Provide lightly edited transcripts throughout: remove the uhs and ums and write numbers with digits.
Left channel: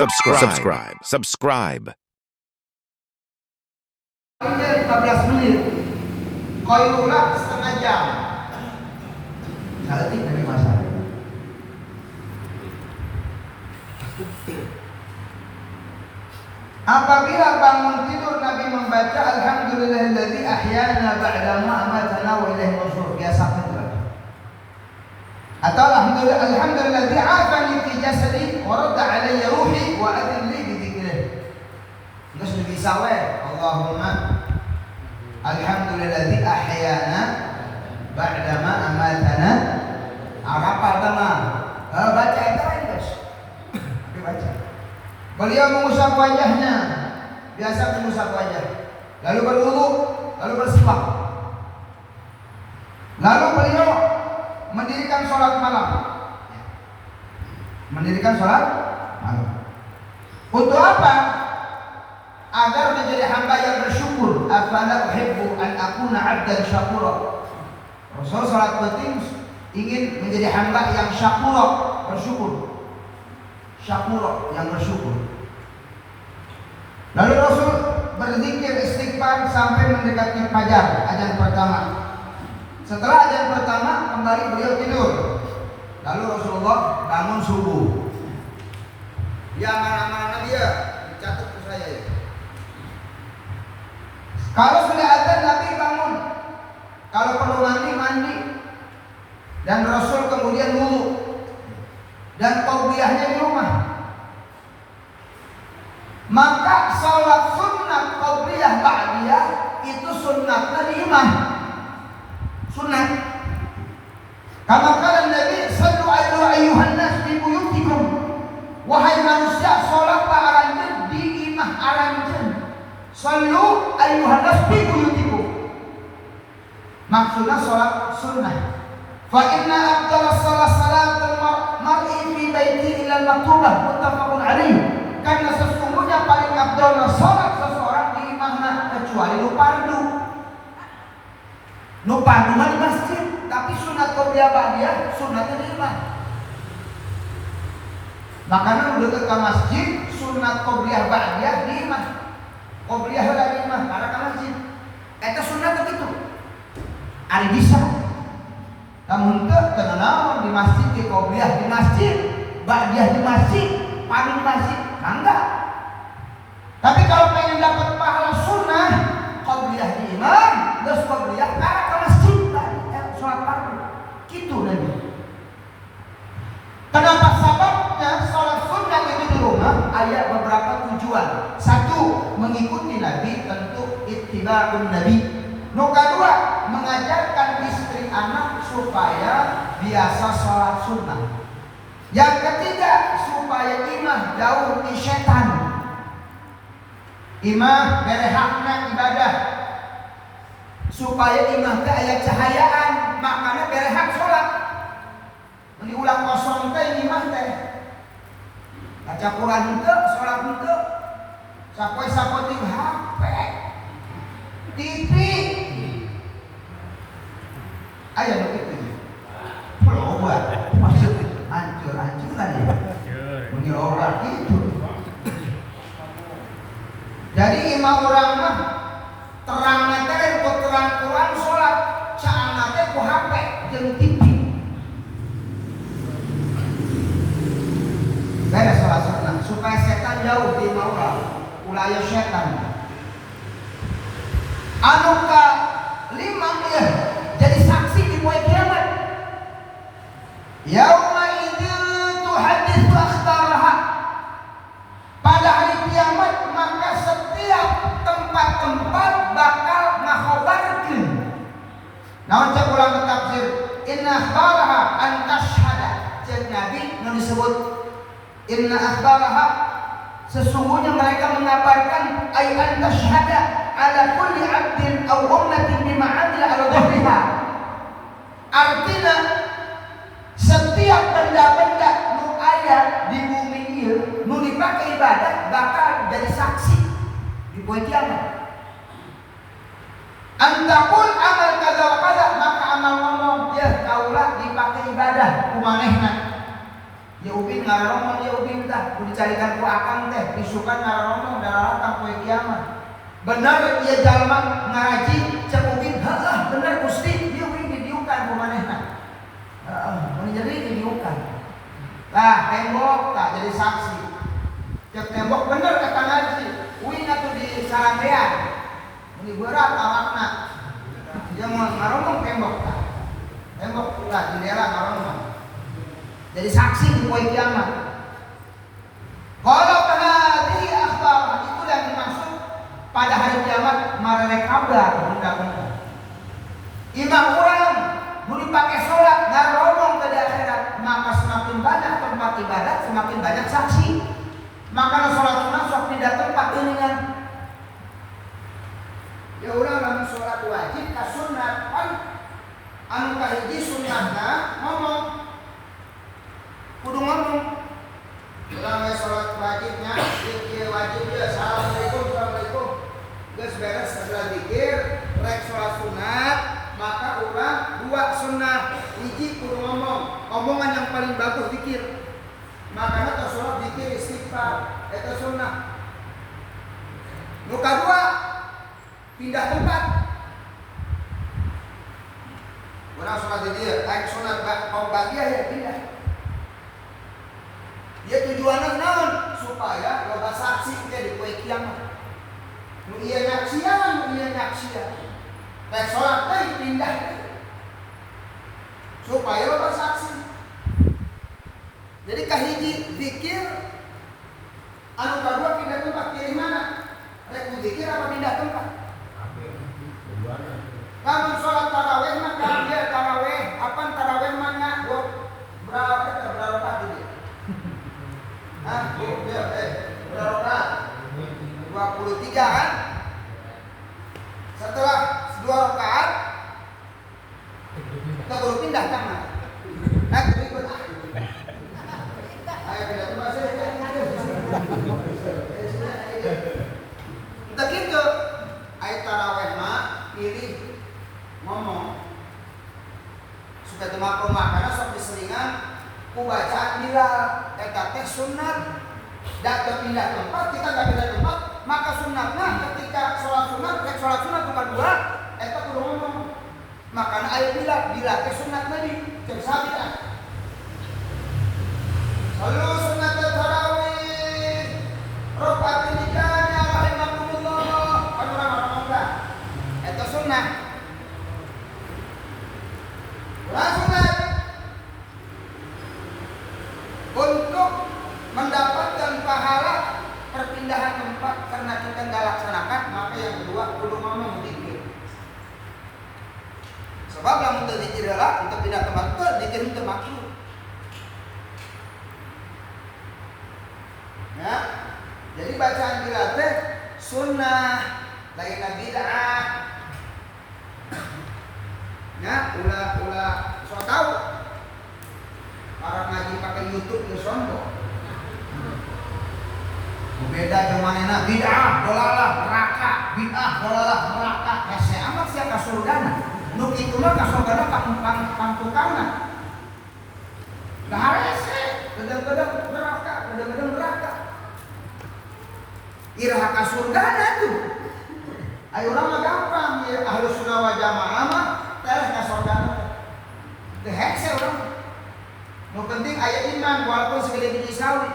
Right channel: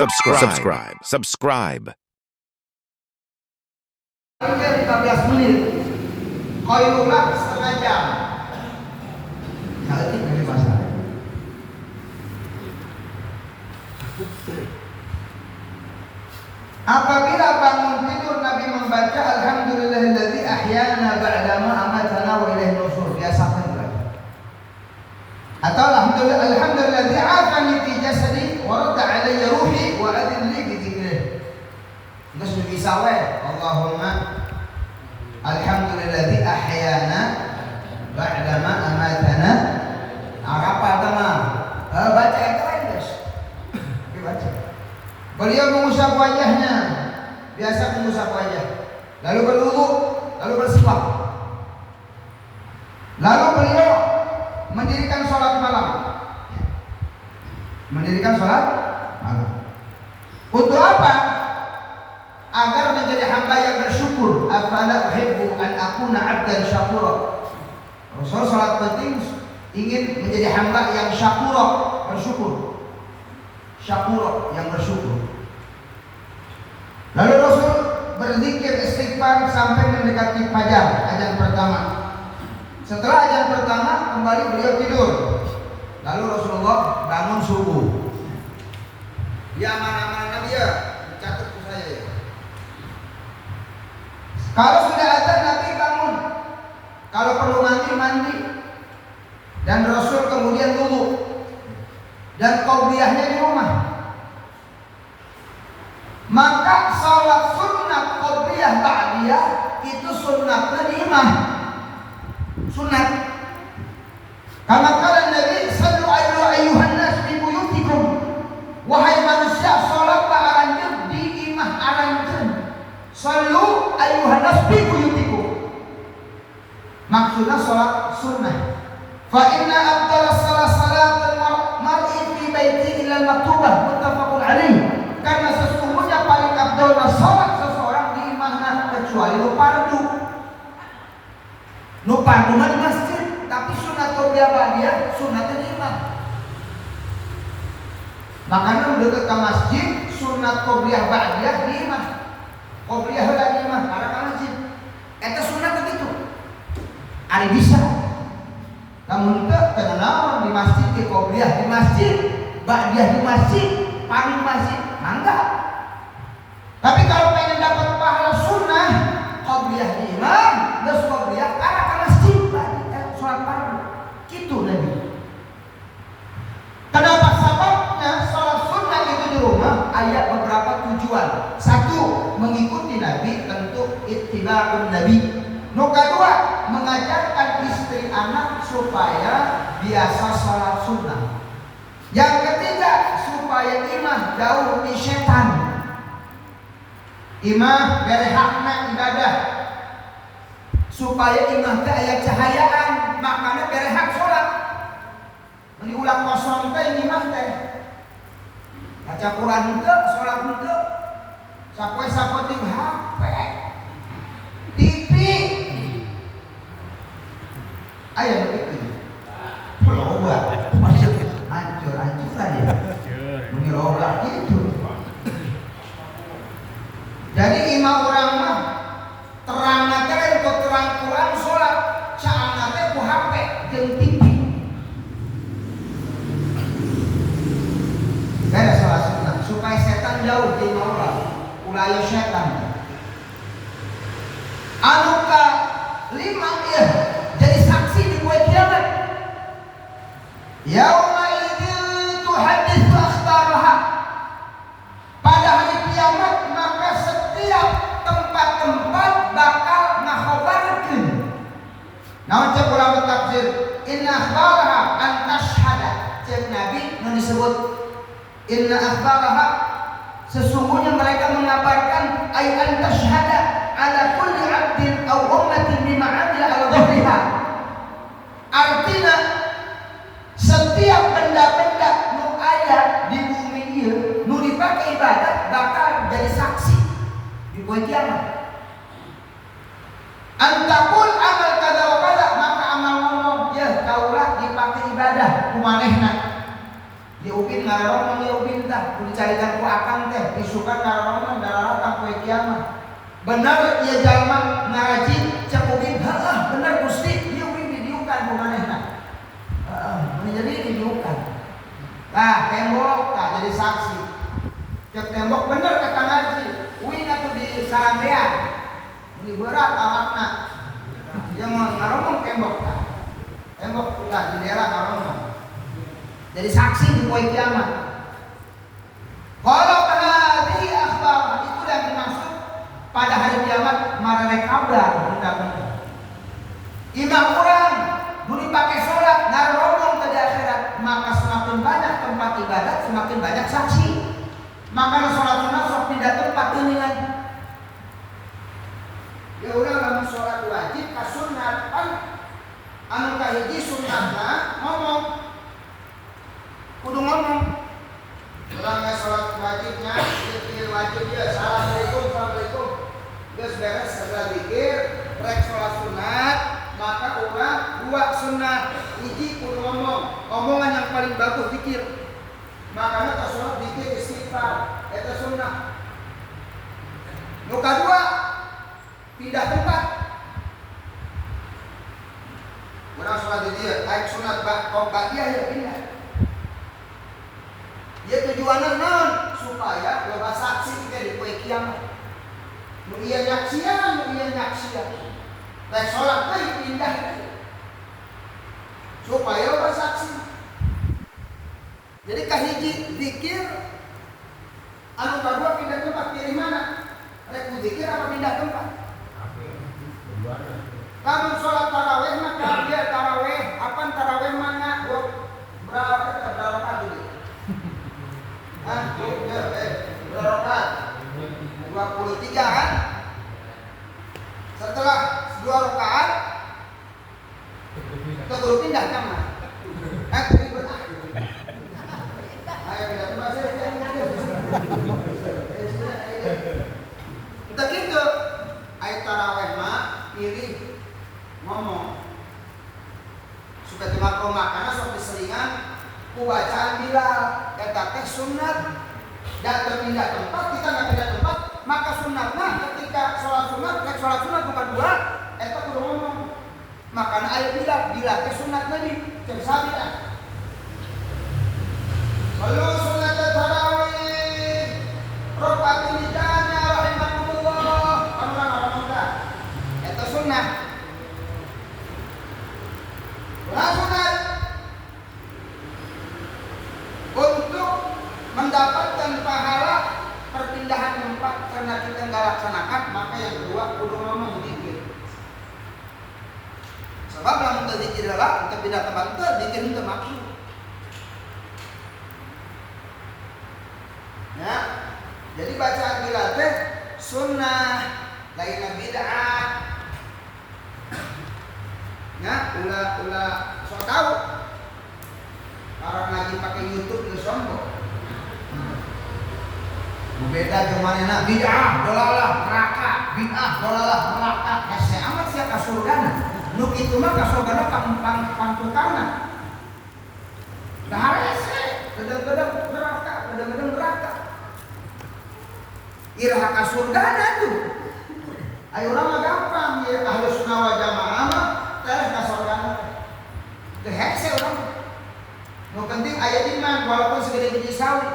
Subscribe. 15 menit. Khairullah setengah jam. Nanti dari masalah. Apabila bangun tidur Nabi membaca Alhamdulillahilladzi ahyana ba'da ma amatana wa ilaihi nusyur. Biasa kan? Atau Alhamdulilladzi afani fi jasadi wa radda alayya ruhi wa adilli bi dzikrih. Itu sudah bisa we. Allahumma Alhamdulilladzi ahyana ba'da ma amatana. Apa teman? Baca itu kan guys. Baca. Beliau mengusap wajahnya. Biasa mengusap wajah. Lalu berwudu, lalu bersiwak. Lalu beliau mendirikan sholat malam. Mendirikan sholat malam. Untuk apa? Agar menjadi hamba yang bersyukur. Afala uhibbu an akuna 'abdan syakura. Rasul salat penting ingin menjadi hamba yang syakura, bersyukur. Syakura, yang bersyukur. Lalu Rasul berzikir istighfar sampai mendekati fajar, azan pertama. Setelah azan pertama kembali beliau tidur. Lalu Rasulullah bangun subuh. Dia mana-mana dia dicatat ke saya ya. Kalau sudah azan Nabi bangun. Kalau perlu nanti mandi. Dan Rasul kemudian wudu. Dan qabliyahnya di rumah. Maka salat sunnat qabliyah ba'diyah itu sunnatnya di imam. Sunnat. Kama qala Nabi sallu ayyuhan nas fi buyutikum. Wahai manusia, salat aranjeun di imah aranjeun. Sallu ayyuhan nas fi buyutikum. Maksudnya salat sunnah. Fa inna afdalas salatul mar'i fi baiti ila maktubah muttafaqun alaih. Karena sesungguhnya paling afdal salat seseorang di imahna kecuali nu fardu. Nu fardu di masjid, tapi sunat qabliyah ba'diyah sunatnya di imah. Makanya dekat ke masjid sunat qabliyah ba'diyah di imah. Qabliyah di imah karena ke masjid. Eta sunat begitu. Ari bisa. Namun kenal di masjid di qabliyah di masjid, ba'diyah di masjid, kami di masjid. Nah enggak. Tapi kalau pengen dapat pahala sunnah, qabliyah di imam, terus qabliyah karena ke masjid, sholat fardu. Gitu Nabi. Kenapa sebabnya sholat sunnah itu di rumah? Ayat beberapa tujuan. Satu, mengikuti Nabi, tentu ittiba'un Nabi. Nomor kedua, mengajarkan istri anak supaya biasa sholat sunnah. Yang ketiga, supaya imah jauh dari setan. Imah berhakna ibadah. Supaya imah teh aya cahayaan, makanya berhak sholat. Diulang kosong teh imah teh. Baca Quran henteu, sholat henteu. Sapoe-sapoe HP. TV. Ayo begitu. Berobat. Maksud hancur-hancuran ya. Berobat itu. Jadi imam urang mah terang nate untuk terang Quran salat, saana teh ku HP jeung TV. Beres salat supaya setan jauh di Allah. Ulah setan. Anu ka 5 ya jadi saksi di poe kiamat. Yauma idzin tuhadditsu akhbaraha. Pada hari kiamat maka setiap tempat-tempat bakal ngakhabarkeun. Naon cek ulama tafsir, inna akhbaraha an tashhada. Cek Nabi nu disebut inna akhbaraha sesungguhnya mereka mengabarkan ay an tashhada ala kulli 'abdin aw ummatin bima 'amila ala dhahriha. Artinya setiap benda-benda nu aya di bumi ieu nu dipake ibadah bakal jadi saksi di poe kiamat. Antakul amal kada wa kada, maka amal ngomong ya kaulah dipake ibadah kumanehna. Ya ubin ngarong ya ubin dah, kudu dicarikan ku akang teh, disukan ngarong ngararakan poe kiamat. Benar ieu jalma ngaji cek ubin, heeh bener Gusti, ieu ubin didiukan ku manehna. Heeh, mun jadi didiukan. Nah, tembok tak jadi saksi. Cek tembok bener eta ngaji, ubin atuh di sarandean. Ini berat awakna. Yang mau ngarong tembok. Tembok ulah di daerah ngarong. Jadi saksi di poe kiamat. Kalau hadhihi akhbar, itu yang dimaksud pada hari kiamat marane kabar budak-budak. Imam orang beli pakai sholat ngaromong ke di akhirat, maka semakin banyak tempat ibadat semakin banyak saksi. Maka sholat sunat sok pindah tempat geuningan. Ya urang lamun sholat wajib ka sunat kan anu kahiji sunatna ngomong kudu ngomong. Ulangnya sholat wajibnya, wajib ya assalamualaikum, geus beres segala zikir, rek sholat sunat, maka ulah dua sunat, hiji kudu ngomong, omongan yang paling bagus zikir. Makanya ta sholat zikir istighfar, eta sunat. Nu kadua pindah tempat. Urang sholat zikir, aik sunat kaum bagian ya pindah. Dia tujuannya naon supaya loba saksi di poe kiamat. Mun ieu nyaksian, mun ieu nyaksian. Rek salat teh pindah supaya loba saksi. Jadi kahiji zikir anu kadua pindah tempat pilih mana? Rek zikir apa pindah tempat? Lamun salat tarawih mah dia tarawih, apa tarawih mah nya berapa rakaat dulu? Berapa? 23 kan? Setelah 2 rakaat kita baru pindah ke mana? Ayo kita gitu. Ayo tarawih mah pilih ngomong supaya dimaklumat karena sok diselingan ku bacaan Bilal eta teh sunat dan pindah tempat kita nggak pindah tempat maka sunatna ketika sholat sunat nomor 2 eta kudu ngomong makanya aya Bilal teh sunat Nabi jeung sabian kalau sunat tarawih rakaat lidahnya rahimakumullah Allah eta sunat sunat untuk mendapatkan pahala perpindahan tempat karena kita nggak laksanakan maka yang kedua kudu ngomong zikir. Sebab lamun teu zikir heula untuk pindah tempat teu zikir teu makruh. Ya. Jadi bacaan Bilal teh sunnah lain bid'ah. Ya, ulah sok tahu. Para ngaji pakai YouTube ke sombong. Beda jeung manehna bid'ah, dolalah, neraka, bid'ah, dolalah, neraka. Hese amat sia ka surgana. Nu kitu mah ka surgana pangtukangna. Nah hese, gedeng-gedeng neraka. Iraha ka surgana tuh. Ayo urang mah gampang ya Ahlus Sunnah wal Jamaah mah teh ka surgana. Teh hese urang. Nu penting aya iman walaupun segede biji sawi.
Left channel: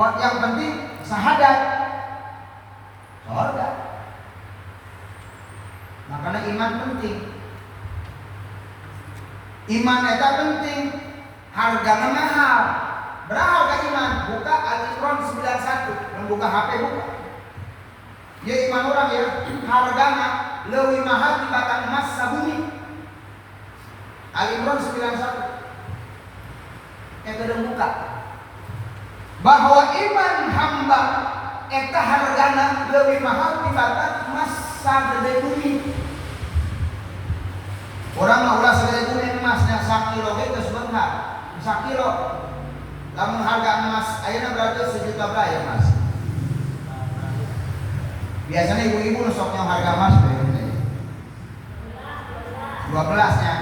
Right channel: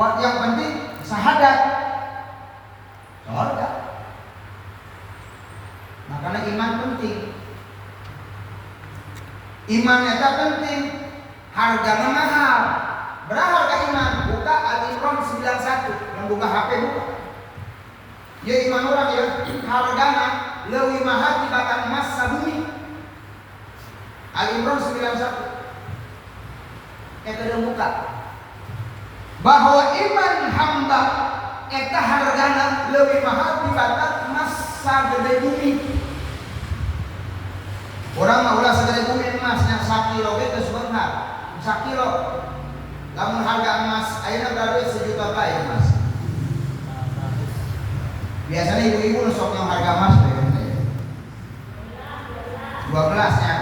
Yang penting syahadat. Syahadat. Makanya iman penting. Iman eta penting. Hargana mahal. Berapa harga iman? Buka Al-Imran 91. Yang buka HP buka. Ya iman orang ya hargana leuwih mahal dibanding emas sabumi. Al-Imran 91. Eta buka bahwa iman hamba eta hargana lebih mahal dibanding emas sagede bumi. Orang mah ulah sagede bumi emasnya 1 kilo ge geus beunghar. 1 kilo. Lamun harga emas ayeuna berarti 1 juta bae emas. Biasanya ibu-ibu sok yang harga emas 12 nya.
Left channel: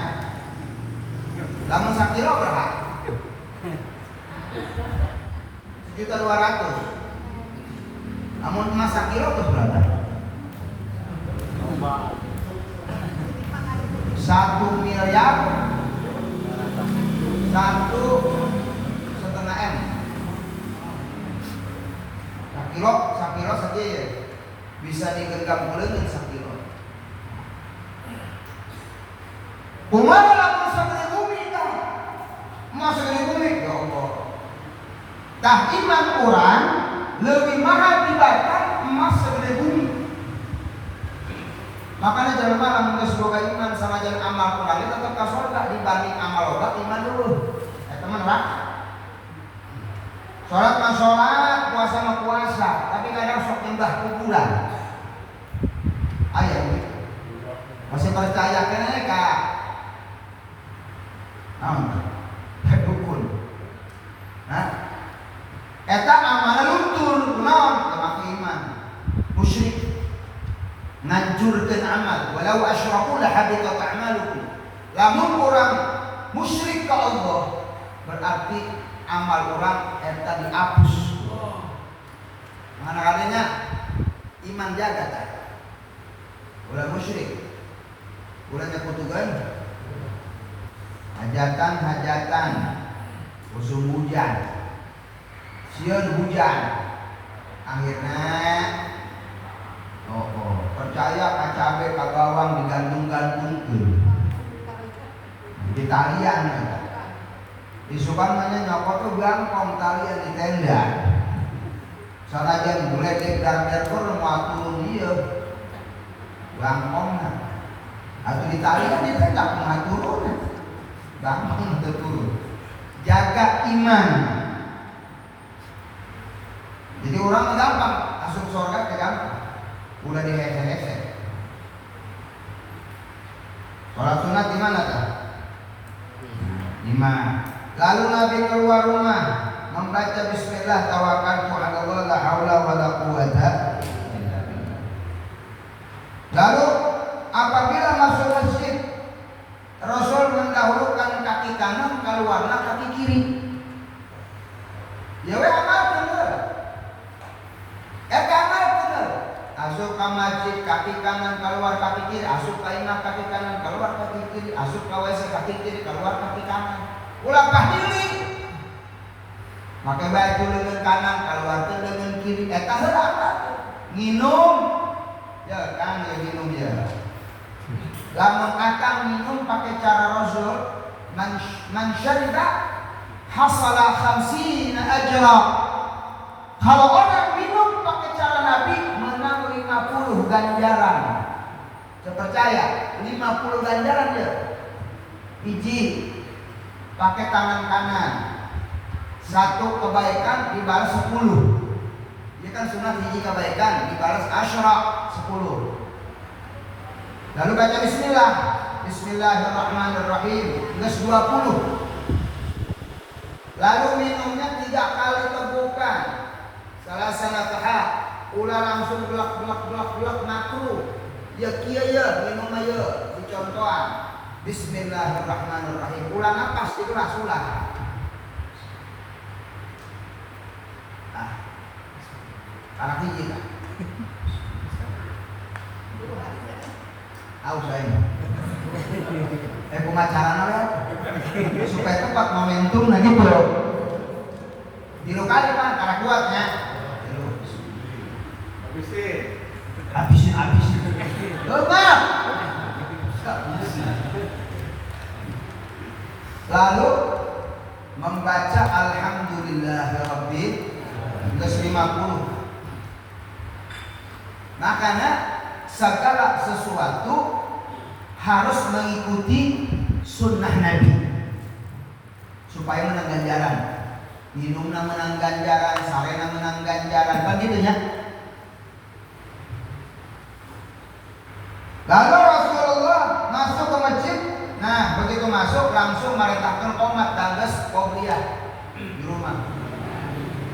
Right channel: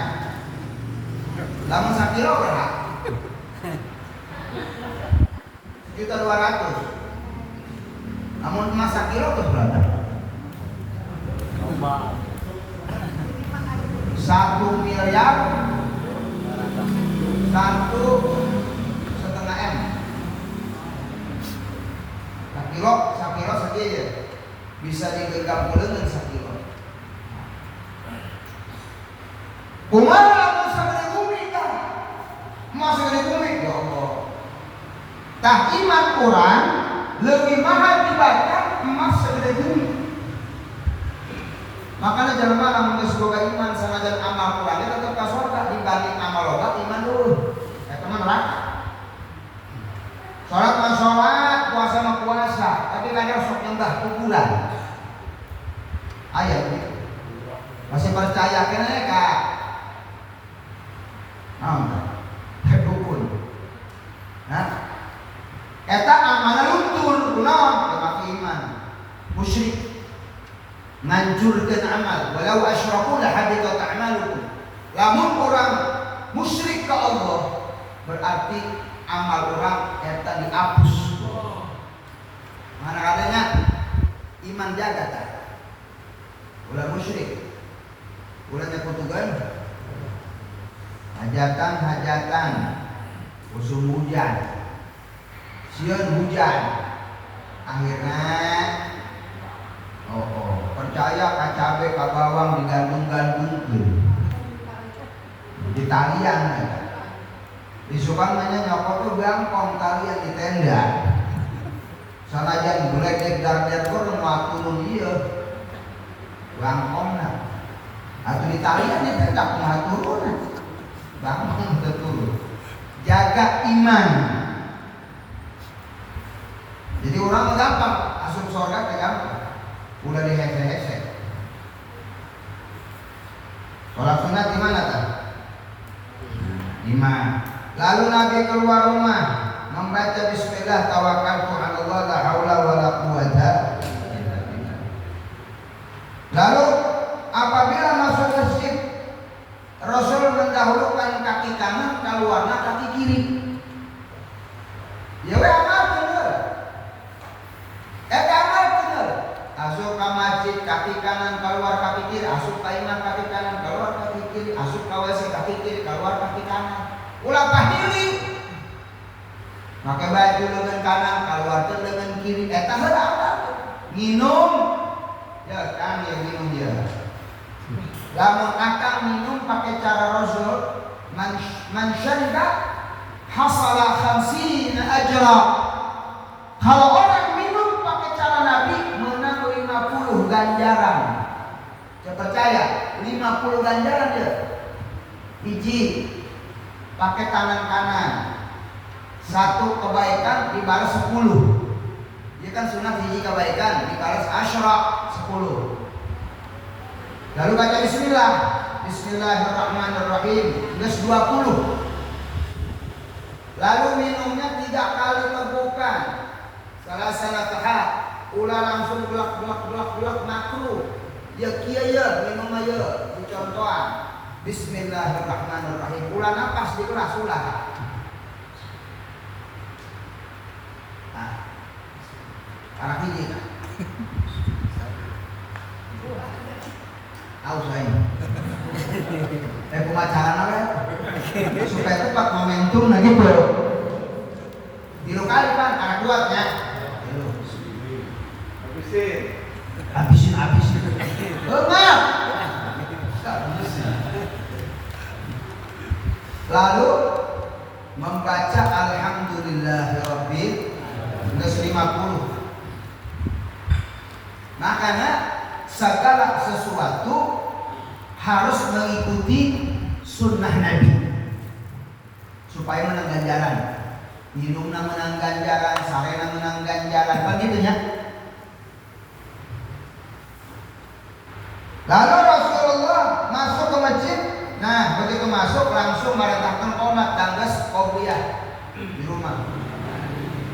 Lamun 1 kilo berapa? 1.200.000. Namun emas 1 kilo itu berapa? 1 miliar 1,5 M. 1 kilo saja ya. Bisa digenggam dengan 1 kilo. Kumaha lamun sagede bumi tah? Emas sagede bumi ya Allah. Tah iman urang leuwih mahal dibanding emas segede bumi. Makanya jelema lamun geus boga iman sanajan amal kurangnya tetep ka surga dibanding amal loba iman dulu. Eta mah neraka. Salat mah salat, puasa mah puasa, tapi kadang sok nyembah kuburan. Aya gitu. Masih percaya kenanya ka dukun. Nah, eta amal luntur kunaon? Ya make iman. Musyrik. Ngancurkeun amal, walau asyraku la habitat a'malukum. Lamun urang musyrik ka Allah, berarti amal urang eta dihapus. Mana katanya iman jaga tak? Ulah musyrik. Ulah nyakutugan. Hajatan, musim hujan, sieun hujan, akhirnya, percaya ka cabe ka bawang digantung-gantungkeun, di talian, di sukangannya nyokot tuh gangkong talian di tenda, sanajan buledek dar turun ngaturun ieu, gangkong, atau di talian di tenda ngaturun. Gampang betul. Jaga iman. Jadi orang gampang masuk surga gampang. Udah dihese-hese. Sholat sunat di mana tak? 5. Lalu Nabi keluar rumah membaca Bismillah tawakkaltu 'ala Allah la haula wala quwwata. Lalu apabila masuk masjid Rasul mendahulukan kaki kanan, keluarnya kaki kiri. Ya we amal bener. Amal bener. Asup ka masjid kaki kanan, keluar kaki kiri. Asup ka imam kaki kanan, keluar kaki kiri. Asup ka WC kaki kiri, keluar kaki kanan. Ulah pahdili. Make bae leungeun kanan, keluarkeun leungeun kiri. Eta heula. Nginum. Ya Kang yang minum ya. Lamun akan minum pakai cara Rasul, man syariba hasala 50 ajra. Kalau orang minum pakai cara Nabi menang 50 ganjaran. Saya percaya 50 ganjaran dia. Hiji pakai kanan-kanan. 1 kebaikan dibalas 10. Dia kan sunat hiji kebaikan dibalas 10. Lalu baca bismillah. Bismillahirrahmanirrahim. Geus 20. Lalu minumnya 3 kali tegukan. Salah sanataha. Ulah langsung blak makruh. Ya kieu ya minum ayeuna dicontohan. Bismillahirrahmanirrahim. Ulah napas di kelas ulah. Nah. Anak hiji kan. Tahu saya. Pemacaran supaya tepat momentum nah gitu. Di lokal kan karena kuatnya. Habisin. Lalu membaca alhamdulillahirabbil alamin 50. Makanya segala sesuatu harus mengikuti sunnah Nabi supaya menang ganjaran. Minumna menang ganjaran, sarena menang ganjaran, begitu ya. Lalu Rasulullah masuk ke masjid. Nah, begitu masuk langsung merintahkan qomat tanggas qobliyah di rumah.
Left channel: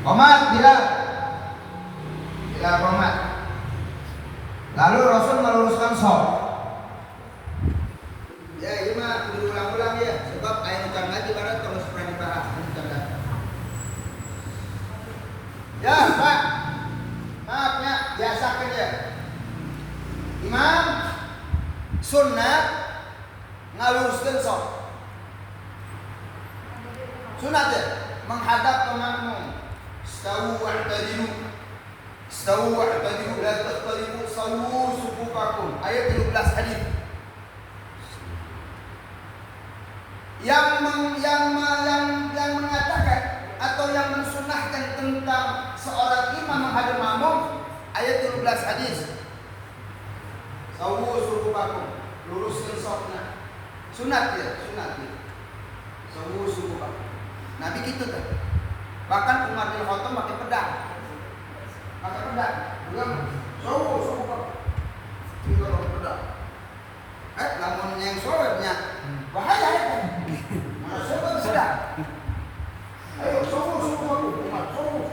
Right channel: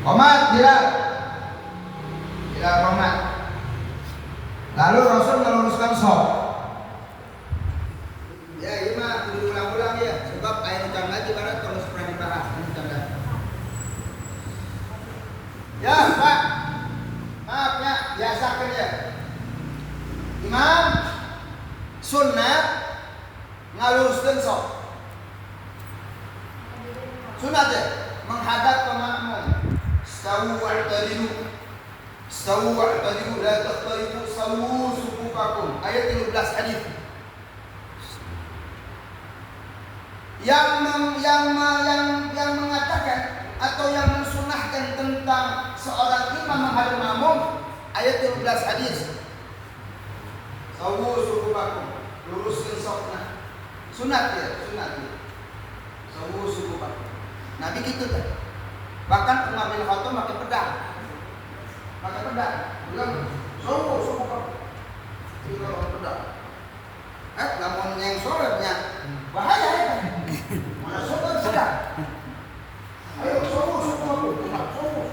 Qomat bila qomat. Lalu Rasul meluruskan sholat. Ya, iya mah diulang-ulang ya, sebab aya nu can lagi barat kalau pernah dibahas ini can lagi. Ya Pak, maaf ya, biasakan ya. Imam sunat ngaluruskeun sok. Sunat ya, menghadap ke makmum. Stawu wa'tadilu. Stawu wa'tadilu la takhtalifu sawu sufufakum. Ayat 13 hadis. Yang mengatakan atau yang mensunahkan tentang seorang imam menghadap makmum, ayat 12 hadis. Sawu sufufakum, luruskan safna. Sunat ya, sunat ya. Sawu sufufakum. Nabi gitu kan. Bahkan Umar bin Khattab pakai pedang. Bilang sawu sufufakum. Ini kalau pakai pedang. Lamun yang sorenya bahaya ya. Mana sobat sedang. Ayo subuh aku, subuh.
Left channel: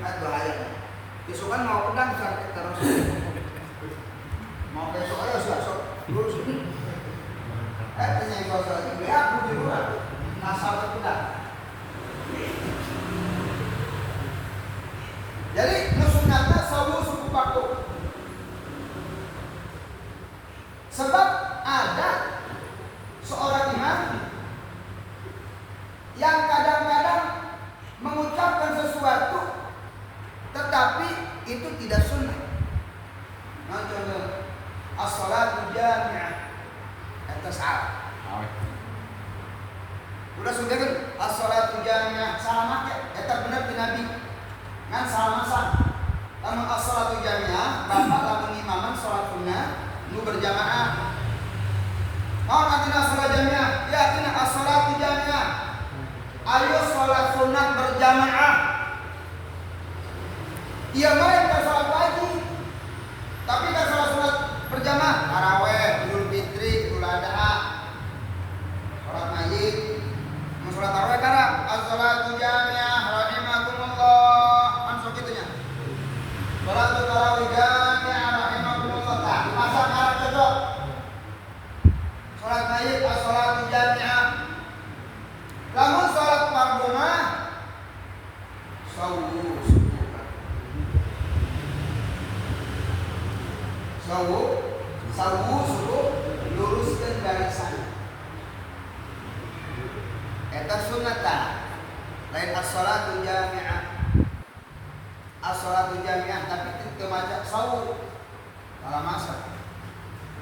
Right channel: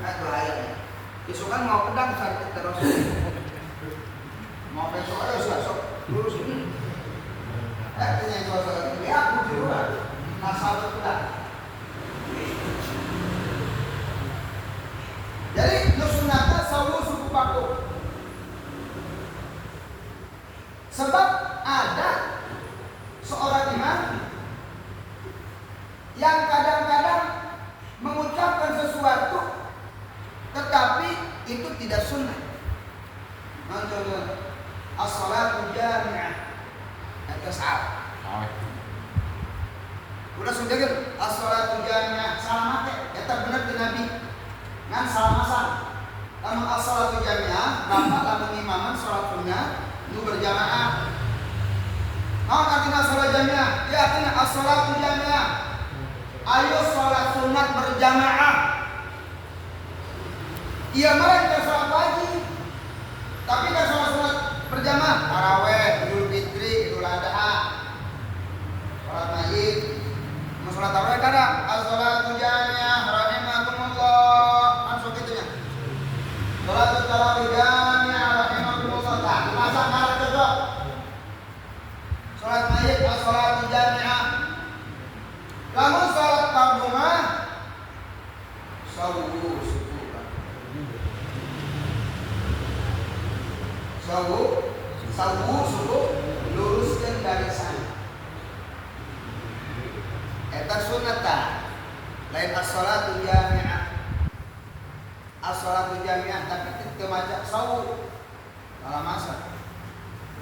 Bahaya. Besok kan mau pedang sakit terus. Mau besok ayo sok lurus. Yang suasana ini aku di luar. Nasabah pedang. Jadi sunatnya sawu suku paku. Sebab ada seorang imam yang kadang-kadang mengucapkan sesuatu tetapi itu tidak sunnah. Contohnya as-salatu jami'ah atas udah sudah kan as-salatu jami'ah salah make eta bener di Nabi ngan salah masan. Lamun as-salatu jami'ah bapak lamun imaman salat sunnah nu berjamaah. Mau katina salat jamiah, ya katina as-salatu jamiah. Ayo salat sunat berjamaah. Iya mereka salat wajib. Tapi kan salat berjamaah, tarawih, Idul Fitri, Idul Adha, salat Mayyit, salat tarawih kada as-salatu jamiah rahimakumullah. Masuk gitunya. Salat tarawih jamiah rahimakumullah. Tah, masak marah cocok. Salat Mayyit as-salatu jami'ah. Lamun salat parduna sawu suku luruskan dari sana. Eta sunnah lain as-salatu jami'ah. As-salatu jami'ah tapi kita maca sawu malah masak.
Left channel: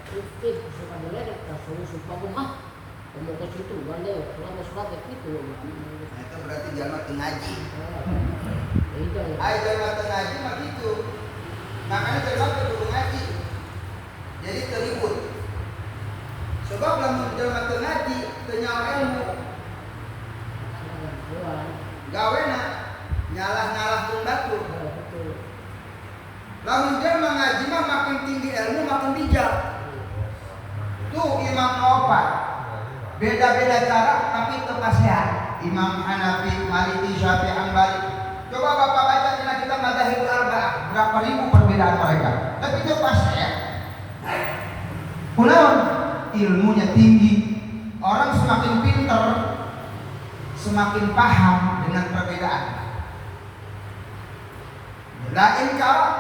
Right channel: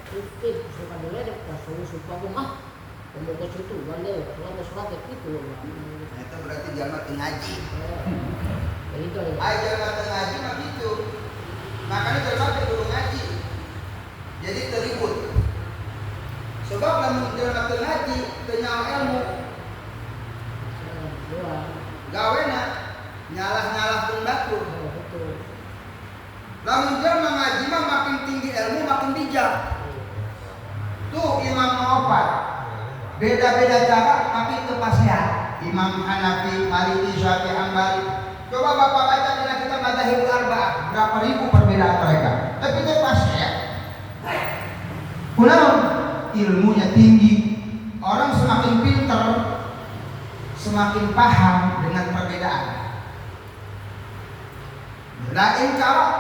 Itu sebenarnya ada sawu suku mah. Pembaca itu balik kalau sholat itu. Itu berarti jamaah ngaji. Itu. Jamaah ngaji mah gitu. Makanya jamaah kudu ngaji. Jadi teribut. Sebab lamun jamaah ngaji teu nyawa ilmu. Gawena nyalah-nyalah pun batu. Lamun jamaah ngaji mah makin tinggi ilmu makin bijak. Tuh Imam Muhammad beda-beda cara tapi terpasihan. Imam Hanafi, Maliki, Syafi'i, Hambali. Coba Bapak baca bila kita Madzhabul Arba'ah, berapa ribu perbedaan mereka. Tapi dia pasti ya. Kenapa? Ilmunya tinggi. Orang semakin pintar, semakin paham dengan perbedaan. Lain kalau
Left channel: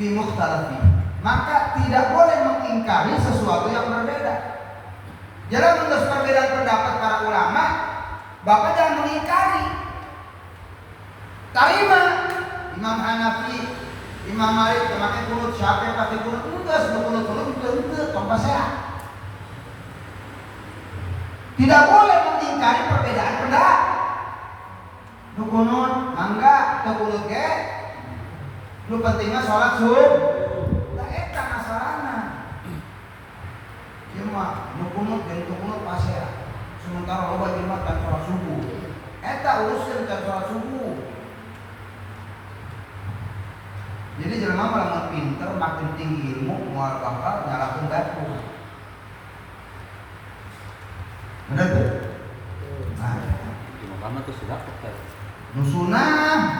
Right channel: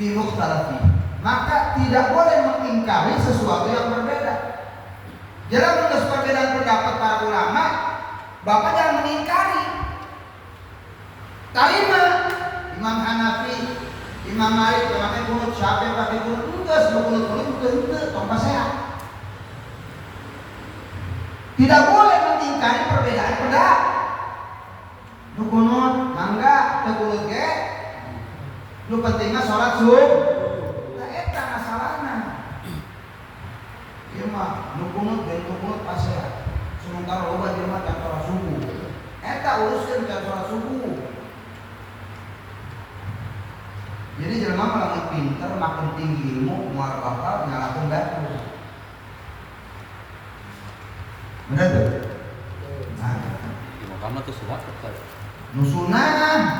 fi mukhtalafi, maka tidak boleh mengingkari sesuatu yang berbeda. Jangan menurut perbedaan pendapat para ulama, Bapak jangan mengingkari. Tarima Imam Hanafi, Imam Malik pakai kunut, Syafi'i pakai kunut, enggak sebelum kunut itu tongkat sehat. Tidak boleh mengingkari perbedaan pendapat. Lu kunut, mangga, teu kunut ge. Lu pentingnya sholat subuh. Lah eta masalahna. Ieu mah nu kunut dan teu kunut pasea. Sementara loba jelema kan sholat subuh. Eta uruskeun kan sholat subuh. Jadi jelema makin pinter, makin tinggi ilmu, moal bakal nyalakeun dapur. Bener tuh? Nah, di Muhammad tuh sudah kan. Musunah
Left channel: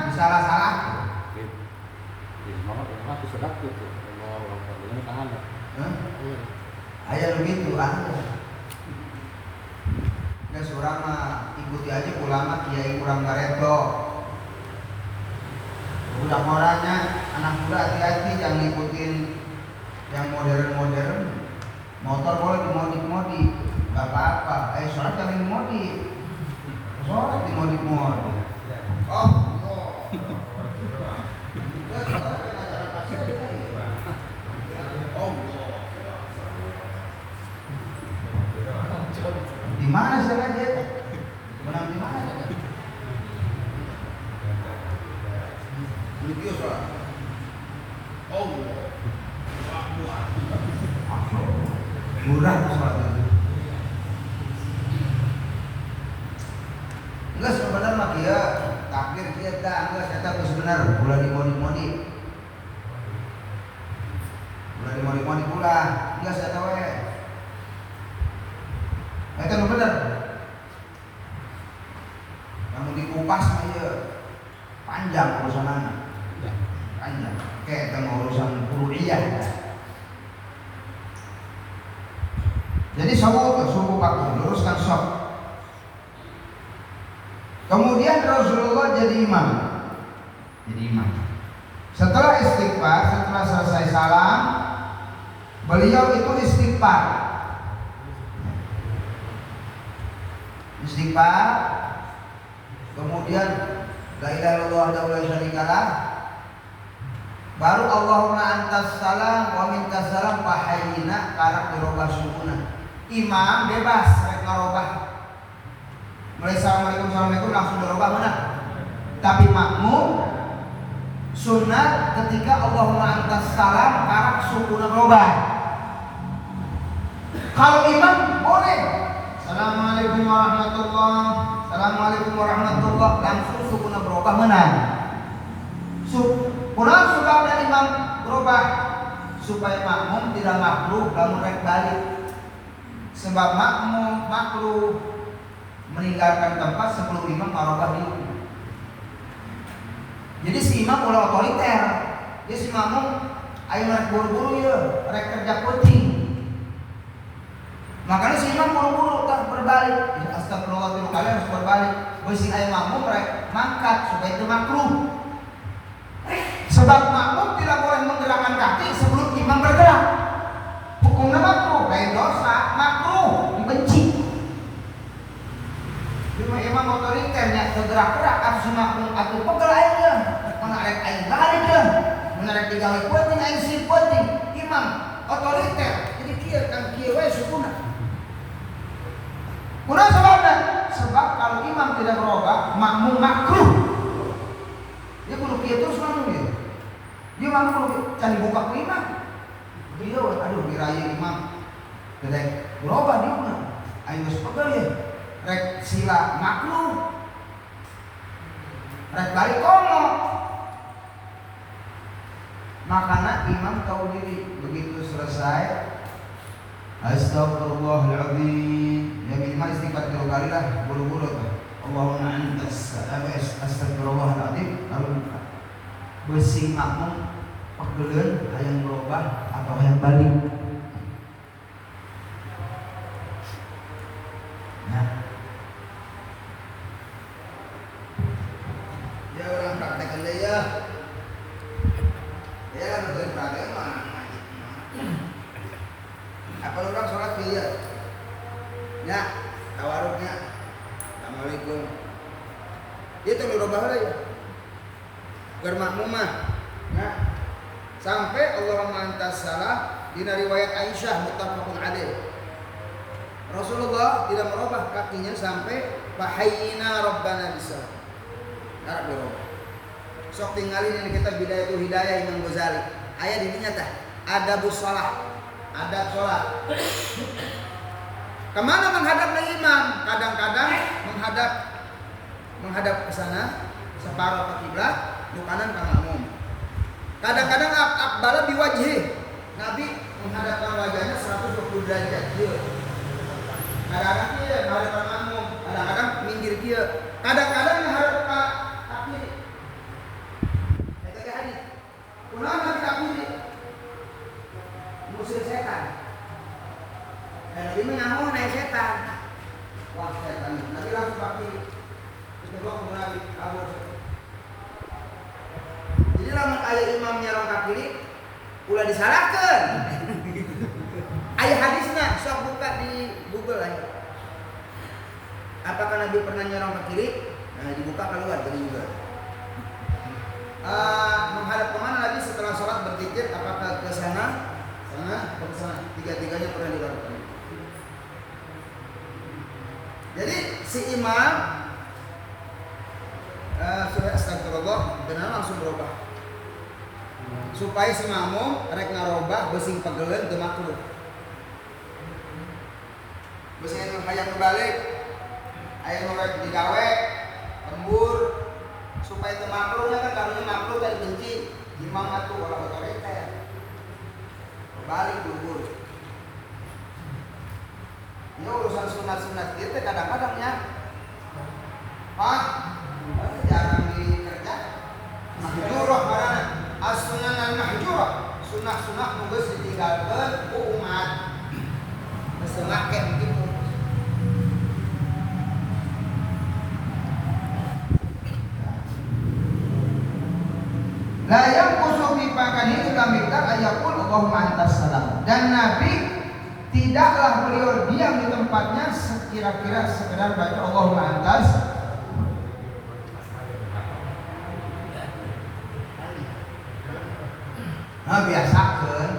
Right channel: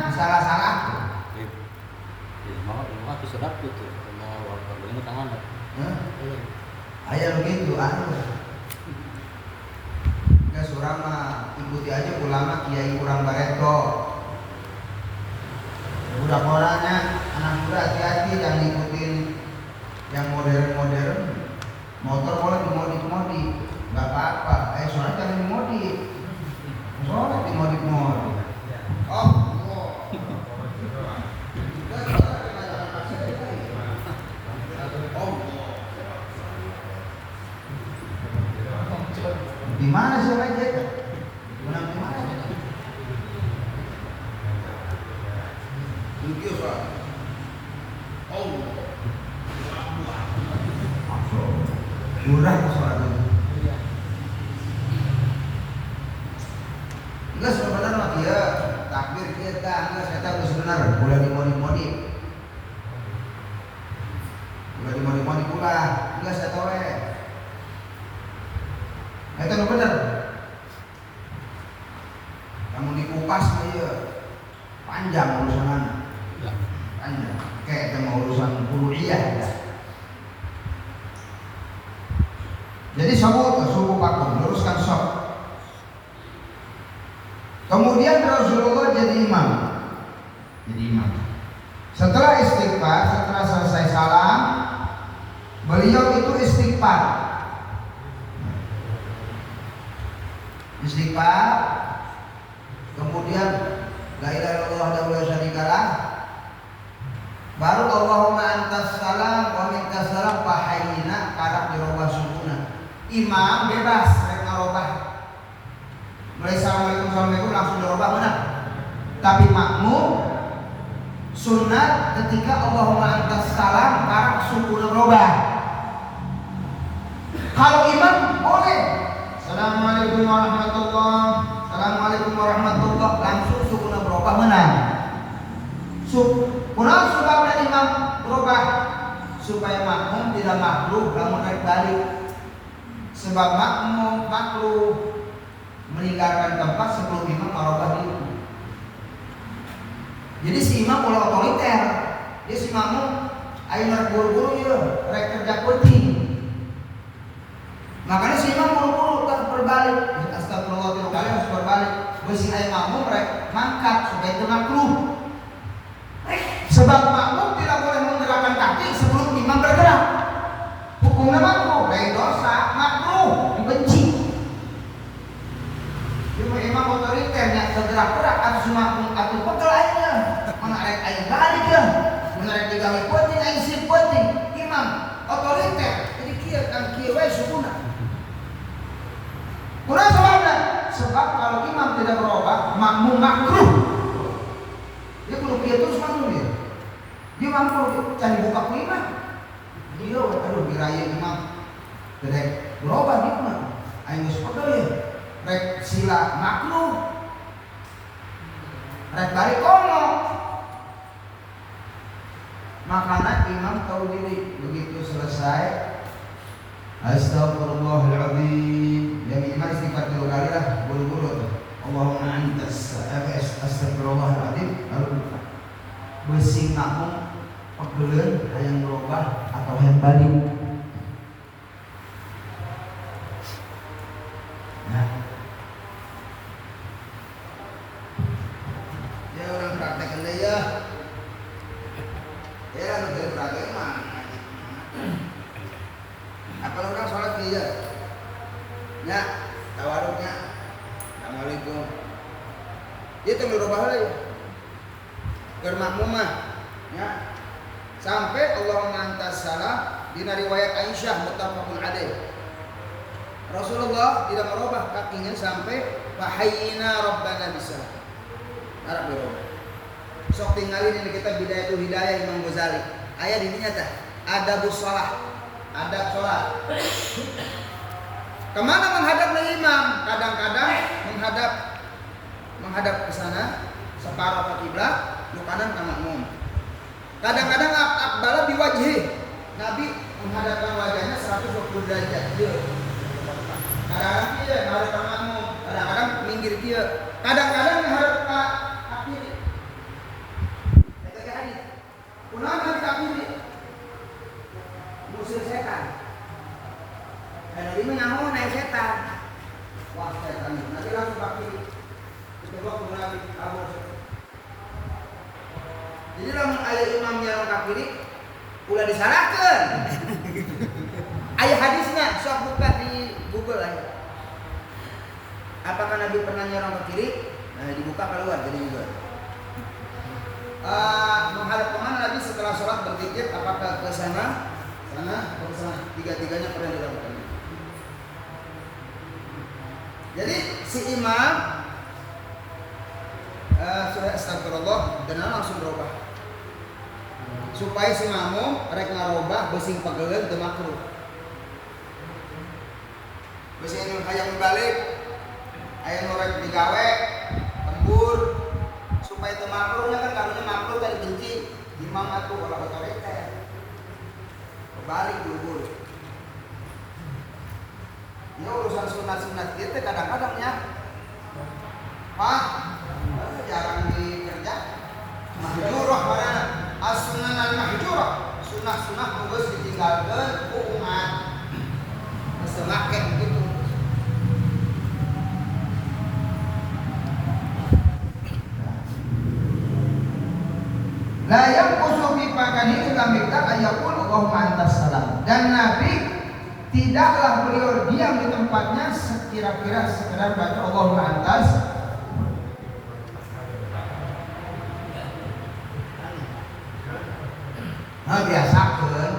disalah-salah. Di Muhammad tuh sudah tuh. Kalau warganya tangan. Ayah begitu, Guys, orang mah ikuti aja ulama kiai kurang bareto. Udah orangnya anak muda hati-hati jangan ngikutin yang modern-modern. Motor boleh dimodif-modif, nggak apa-apa. Sholat jangan dimodif. Sholat dimodif-modif. Oh, di mana sih raja? Menang di mana? Video sholat. Oh, murah sholat itu. Enggak sebenarnya mah dia takbir dia dah enggak saya tahu sebenar ulah dimodif-modif. Ulah dimodif-modif pula. Enggak saya tahu itu bener. Kamu dikupas aja panjang urusan panjang. Kayak tentang urusan kuliah. Jadi suruh pakum, luruskan sok. Kemudian Rasulullah jadi imam. Setelah istighfar, setelah selesai salam, beliau itu istighfar. Kemudian la ilaha illallah wahdahu la syarika lah, baru Allahumma antas salam wa minkas salam fa hayyina karab dirubah sukuna. Imam bebas rek marobah, mulai assalamualaikum langsung dirubah mana, tapi makmum sunnah ketika Allahumma antas salam karab sukuna berubah. Kalau imam boleh Assalamualaikum warahmatullah langsung sukuna berubah menang. Kurang sebabnya imam berubah supaya makmum tidak makruh lamun rek balik. Sebab makmum makruh meninggalkan tempat sebelum imam merubah diri. Jadi si imam ulah otoriter. Dia si makmum ayo rek buru-buru ya, rek kerja penting. Makanya si imam buru-buru tak berbalik. Astagfirullah kali harus berbalik. Besi ayam makmum rek ngangkat supaya itu makruh. Sebab makmum tidak boleh menggerakkan kaki sebelum imam bergerak. Hukumnya makruh, lain dosa, makruh, dibenci. Cuma imam otoriter yang bergerak-gerak harus makmum atau pegel aja. Mana rek aing balik ya. Mana rek digawe penting aing sip penting. Imam otoriter. Jadi kieu kang kieu wae sukuna. Kurang sebabnya, sebab kalau imam tidak berubah, makmum makruh. Dia kudu kieu terus makmum dia. Dia makruh, can dibuka ku imam. Dia aduh diraya imam. Dedek berubah dia mah. Aing geus pegel ya. Rek sila makruh. Rek balik komo. Makanya imam tahu diri, begitu selesai Astagfirullahaladzim. Ya minimal istighfar 3 kali lah, buru-buru. Allahumma antas astagfirullahaladzim. Lalu bersih makmum pegelen hayang berubah atau hayang balik. Nah, ya orang praktekkan deh ya. Ya untuk praktek mah. Apa orang sholat dia? Ya, tawaruknya. Assalamualaikum. Itu berubah lagi. Bermakmumah. Ya. Sampai Allahumma antas salam di riwayat Aisyah muttafaqun alaih. Rasulullah tidak merubah kakinya sampai fahayyina rabbana bisalam. Arab berubah. Sok tinggalin ini kita Bidayatul Hidayah Imam Ghazali. Ayat ini nyata. Adabus shalah. Adab sholat. Kemana menghadap imam? Kadang-kadang menghadap ke sana, separuh ke kiblat, kanan ke makmum. Kadang-kadang aqbala biwajhi. Nabi menghadapkan wajahnya 120 derajat. Kadang-kadang dia menghadap ke makmum, kadang-kadang minggir dia. Kadang-kadang menghadap ke kiri. Kayak hadis. Kunaon menghadap ke kiri? Musir setan. Nabi menyamun naik setan. Wah setan. lamun aya imam nyarong ka kiri ulah disalahkeun. Aya hadisna sok buka di Google aja. Apakah Nabi pernah nyerong ke kiri? Nah, dibuka keluar dari Google. Menghadap kemana Nabi setelah sholat berpikir? Apakah ke sana, atau ke sana? Tiga-tiganya pernah dilakukan. Jadi si imam sudah astagfirullah dan langsung berubah. Supaya si makmum rek ngarobah beusin pegeleun teu makruh. Beusin hayang balik, aya nu rek digawe, lembur supaya teu makruhnya kan karunya makruh tadi benci. Imam atuh kalau otoriter. Balik buru-buru. Ini urusan sunat-sunat kita kadang-kadang ya. Jarang dikerja. Mahjurah marana. As-sunan al-mahjurah. Sunah-sunah nu geus ditinggalkeun ku umat. Geus teu make begitu. La yanqusu fi pakanihi kamiktar ayaqul Allahumma antas salam. Dan Nabi tidaklah beliau diam di tempatnya sekira-kira sekedar baca Allahumma antas. Nah biasakeun